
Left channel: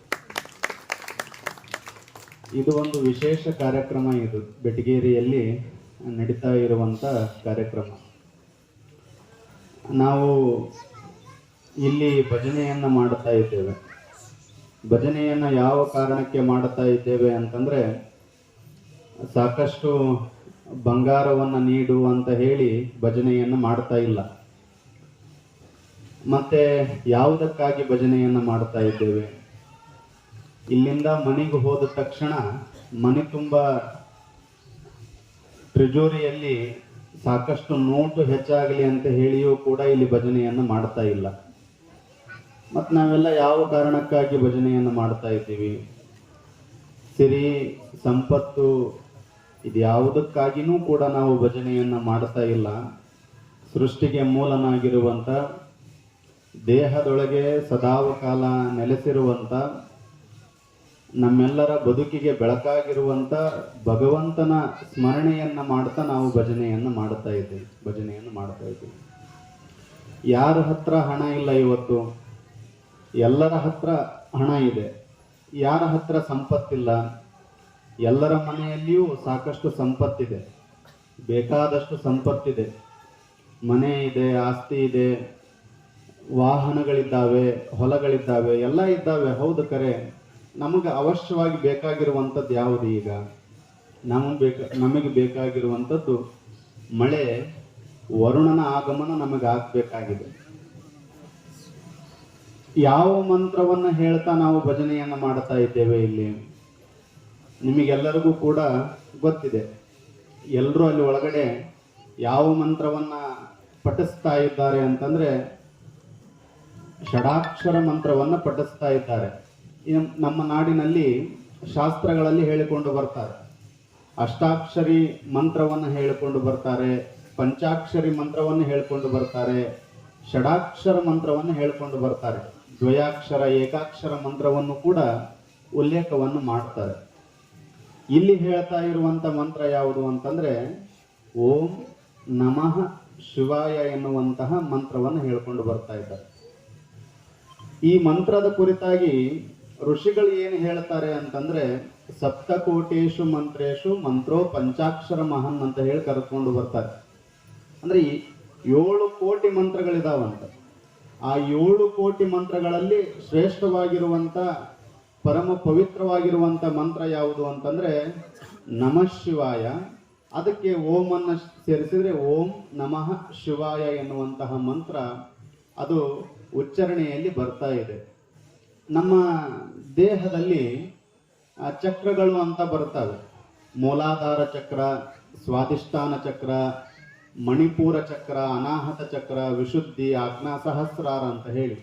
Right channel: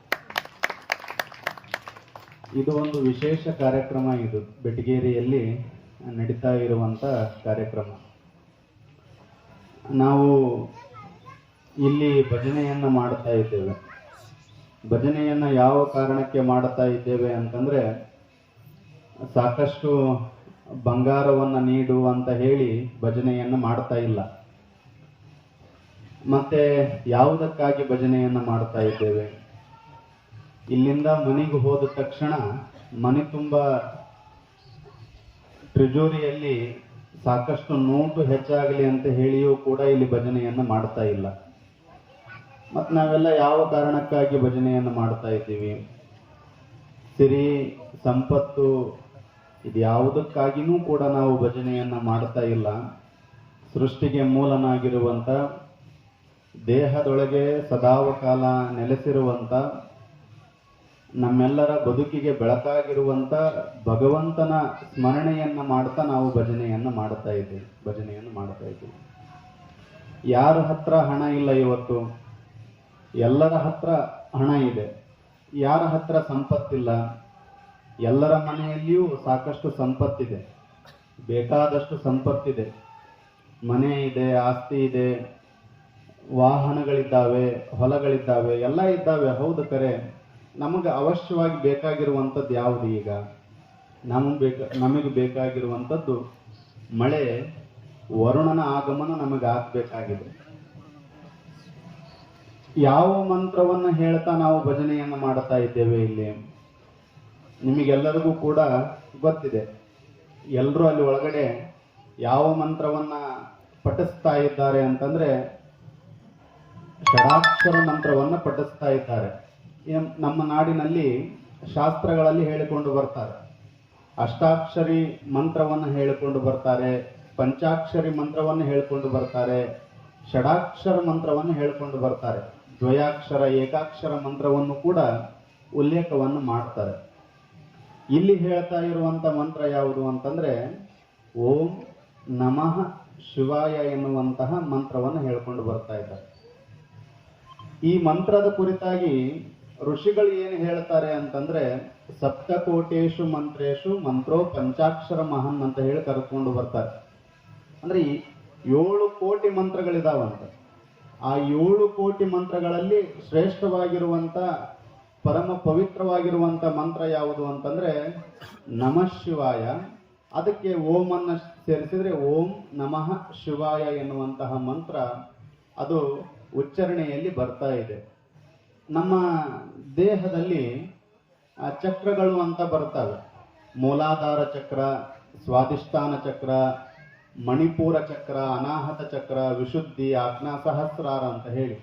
ಇದು ಒಂದು ವಿಶೇಷ ಕಾರ್ಯಕ್ರಮ. ಇದು ಬೆಟಗೇರಿಯಲ್ಲಿ ನಡೀತಾ ಇರುವಂಥ ಕಾರ್ಯಕ್ರಮ. ನಾವು ಇಲ್ಲಿ ಭಜನೆಯನ್ನು ಮಾಡುತ್ತಾ ಇದ್ದೇವೆ. ಭಜನೆಯನ್ನು ಯಾವ ಕಾರಣಕ್ಕೆ ಮಾಡುತ್ತಾ ಇದ್ದೇವೆ ಅಂತಂದರೆ, ಸಾಕಷ್ಟು ಬಂಗಾರವನ್ನು ನೀಡು ಅಂತ ಹೇಳಿ ಭಜನೆಯನ್ನು ಮಾಡ್ತಾ ಇಲ್ಲ. ಮತ್ತೆ ಯಾವುದಕ್ಕಾಗಿ ಭಜನೆಯನ್ನು ಮಾಡ್ತಾ ಇದ್ದೇವೆ? ಇಲ್ಲಿಂದ ಮನೆಗೆ ಹೋದ ತಕ್ಷಣ ಮನೆ ತುಂಬ ಟ್ರೆಜೋರಿಯಲ್ಲಿ ಸಾಕಷ್ಟು ನೋಟು ಹೆಚ್ಚಾಗಲಿ ಅಂತ ಹೇಳಿಯೂ ಕೂಡ ಇಲ್ಲಿ ಭಜನೆಯನ್ನು ಮಾಡ್ತಾ ಇಲ್ಲ. ಮತ್ತು ನಾವೆಲ್ಲ ಯಾವ ಕಾರಣಕ್ಕಾಗಿ ಭಜನೆಯನ್ನು ಮಾಡ್ತಾ ಇದ್ದೀವಿ? ಸಿರಿ ಸಂಪತ್ತು ಇದು ಯಾವುದಕ್ಕಾಗಿಯೂ ಕೂಡ ನಾವು ಭಜನೆಯನ್ನು ಮಾಡ್ತಾ ಇಲ್ಲ. ಸೃಷ್ಟಿಗೆ ಮೂಲನಾಗಿರುವಂಥ, ದೇಹದೊಳಗೆ ಸದಾವಕಾಲ ನೆಲೆಸಿರುವಂಥ, ನಮ್ಮೆಲ್ಲರ ಬದುಕಿಗೆ ಬೆಳಕಾಗಿರುವಂಥ ಭಗವಂತನ ಸ್ಮರಣೆಯನ್ನು ಮಾಡ್ತಾ ನಾವು ಭಜನೆಯನ್ನು ಮಾಡ್ತಾ ಇದ್ದೀವಿ. ಯಾರ ಹತ್ರ ಹಣ ಇಲ್ಲ ಇವತ್ತು? ಎಲ್ಲರ ಹತ್ರ ಹಣ ಇದೆ. ಯಾರ ಹತ್ರ ಸಂಪತ್ತಿಲ್ಲ? ಎಲ್ಲರ ಮನೆಯಲ್ಲಿಯೂ ಸಾಕಷ್ಟು ಸಂಪತ್ತಿದೆ, ಬೇಕಾದಷ್ಟು ಸಂಪತ್ತಿದೆ. ಮನೆ ಇದೆ, ಆಸ್ತಿ ಇದೆ, ವಾಹನಗಳಿದ್ದಾವೆ, ಹೊಲಗಳಿದ್ದಾವೆ, ಎಲ್ಲ ಇದ್ದಾವೆ. ಹೌದು, ಕರೆ. ನಮಗೆ ಅವಶ್ಯವಾಗಿ ಬೇಕಾಗಿರುವಂಥದ್ದು ಯಾವುದು? ಈಗ ನಮಗೆ ಬೇಕಾಗಿರುವಂಥದ್ದು ಮಳೆ, ವರುಣನ ಆಗಮನ ನಮಗೆ ಆಗಬೇಕಾಗಿದೆ. ಯಾವ ಮಂತ್ರವನ್ನು ಹೇಳ್ತಾ ನಾವು ಭಜನೆಯನ್ನು ಮಾಡ್ತಾ ಇದ್ದೇವೆ ಇಲ್ಲಿ? ನಿಮಗೆಲ್ಲರಿಗೂ ಕೂಡ ಗೊತ್ತಿದೆ. ಎಲ್ಲರೂ ಅಲ್ಲಿ ಒಳಗಡೆ ಯಾವ ಮಂತ್ರವನ್ನು ಪಠಿಸ್ತಾ ಇದ್ದಾರೆ ಅಂತಂದರೆ, ಷಡಾಕ್ಷರ ಮಂತ್ರವನ್ನು ಪಠಿಸ್ತಾ ಇದ್ದಾರೆ. ನಮ್ಮ ನಾಡಿನಲ್ಲಿ ಶಾಸ್ತ್ರಗಳಲ್ಲಿ ಹೇಳಿಕೊಂಡು ಬರ್ತಾರೆ. ಅಷ್ಟಾಕ್ಷರಿ ಮಂತ್ರವನ್ನು ಹೇಳಿಕೊಂಡು ಬರ್ತಾರೆ, ಪಂಚಾಕ್ಷರಿ ಮಂತ್ರವನ್ನು ಹೇಳಿಕೊಂಡು ಬರ್ತಾರೆ, ಷಡಾಕ್ಷರ ಮಂತ್ರವನ್ನು ಹೇಳಿಕೊಂಡು ಬರ್ತಾರೆ, ದ್ವಯಾಕ್ಷರ ಏಕಾಕ್ಷರ ಮಂತ್ರವನ್ನು ಕೂಡ ಉಲ್ಲೇಖವನ್ನು ಮಾಡ್ತಾರೆ. ಇಲ್ಲಿ ಹೇಳ್ತಾ ಇರುವಂಥ ಮಂತ್ರ ಯಾವುದು ಅಂತಂದರೆ, ಓಂ ನಮಃ ಶಿವಾಯ ಎನ್ನುವಂತಹ ಮಂತ್ರವನ್ನು ಹೇಳ್ಕೊಂಡು ಬರ್ತಾ ಇದ್ದಾರೆ. ಈ ಮಂತ್ರದ ಕುರಿತಾಗಿ ಋಷಿಗಳು ಏನು ಹೇಳ್ತಾರೆ ಅಂತಂದ್ರೆ, ಸಪ್ತಕೋಟೇಶು ಮಂತ್ರೇಶು ಮಂತ್ರೋ ಪಂಚಾಕ್ಷರ ಮಹನ್ ಅಂತ ಹೇಳಿ ಕರೆದುಕೊಂಡು ಬರ್ತಾರೆ. ಅಂದ್ರೆ 7 ಕೋಟಿ ಮಂತ್ರಗಳಿದಾವಂತ. ಆ 7 ಕೋಟಿ ಮಂತ್ರಗಳಲ್ಲಿ ಶ್ರೇಷ್ಠವಾಗಿರುವಂತ, ಪರಮ ಪವಿತ್ರವಾಗಿರುವಂತ ಮಂತ್ರ ಯಾವುದು ಅಂತಂದ್ರೆ ನಮಃ ಶಿವಾಯ. ಅದಕ್ಕೆ ಓಂ ಅನ್ನು ಸೇರಿಸಿದ್ರೆ ಓಂ ನಮಃ ಶಿವಾಯ ಎನ್ನುವಂತಹ ಮಂತ್ರ ಅದು ಉಚ್ಚಾರಣೆಯಲ್ಲಿ ಬರ್ತಾ ಇದೆ. ನಮ್ಮ ದೇಹದಲ್ಲಿ ಚಕ್ರಗಳು ಅಂತ ಬರ್ತವೆ. ಮೂಲಾಧಾರ ಚಕ್ರ, ಸ್ವಾಧಿಷ್ಠಾನ ಚಕ್ರ, ಮಣಿಪೂರ ಚಕ್ರ, ಅನಾಹತ ಚಕ್ರ, ವಿಶುದ್ಧಿ, ಆಜ್ಞಾ ಸಹಸ್ರಾರ ಅಂತ ಹೇಳಿ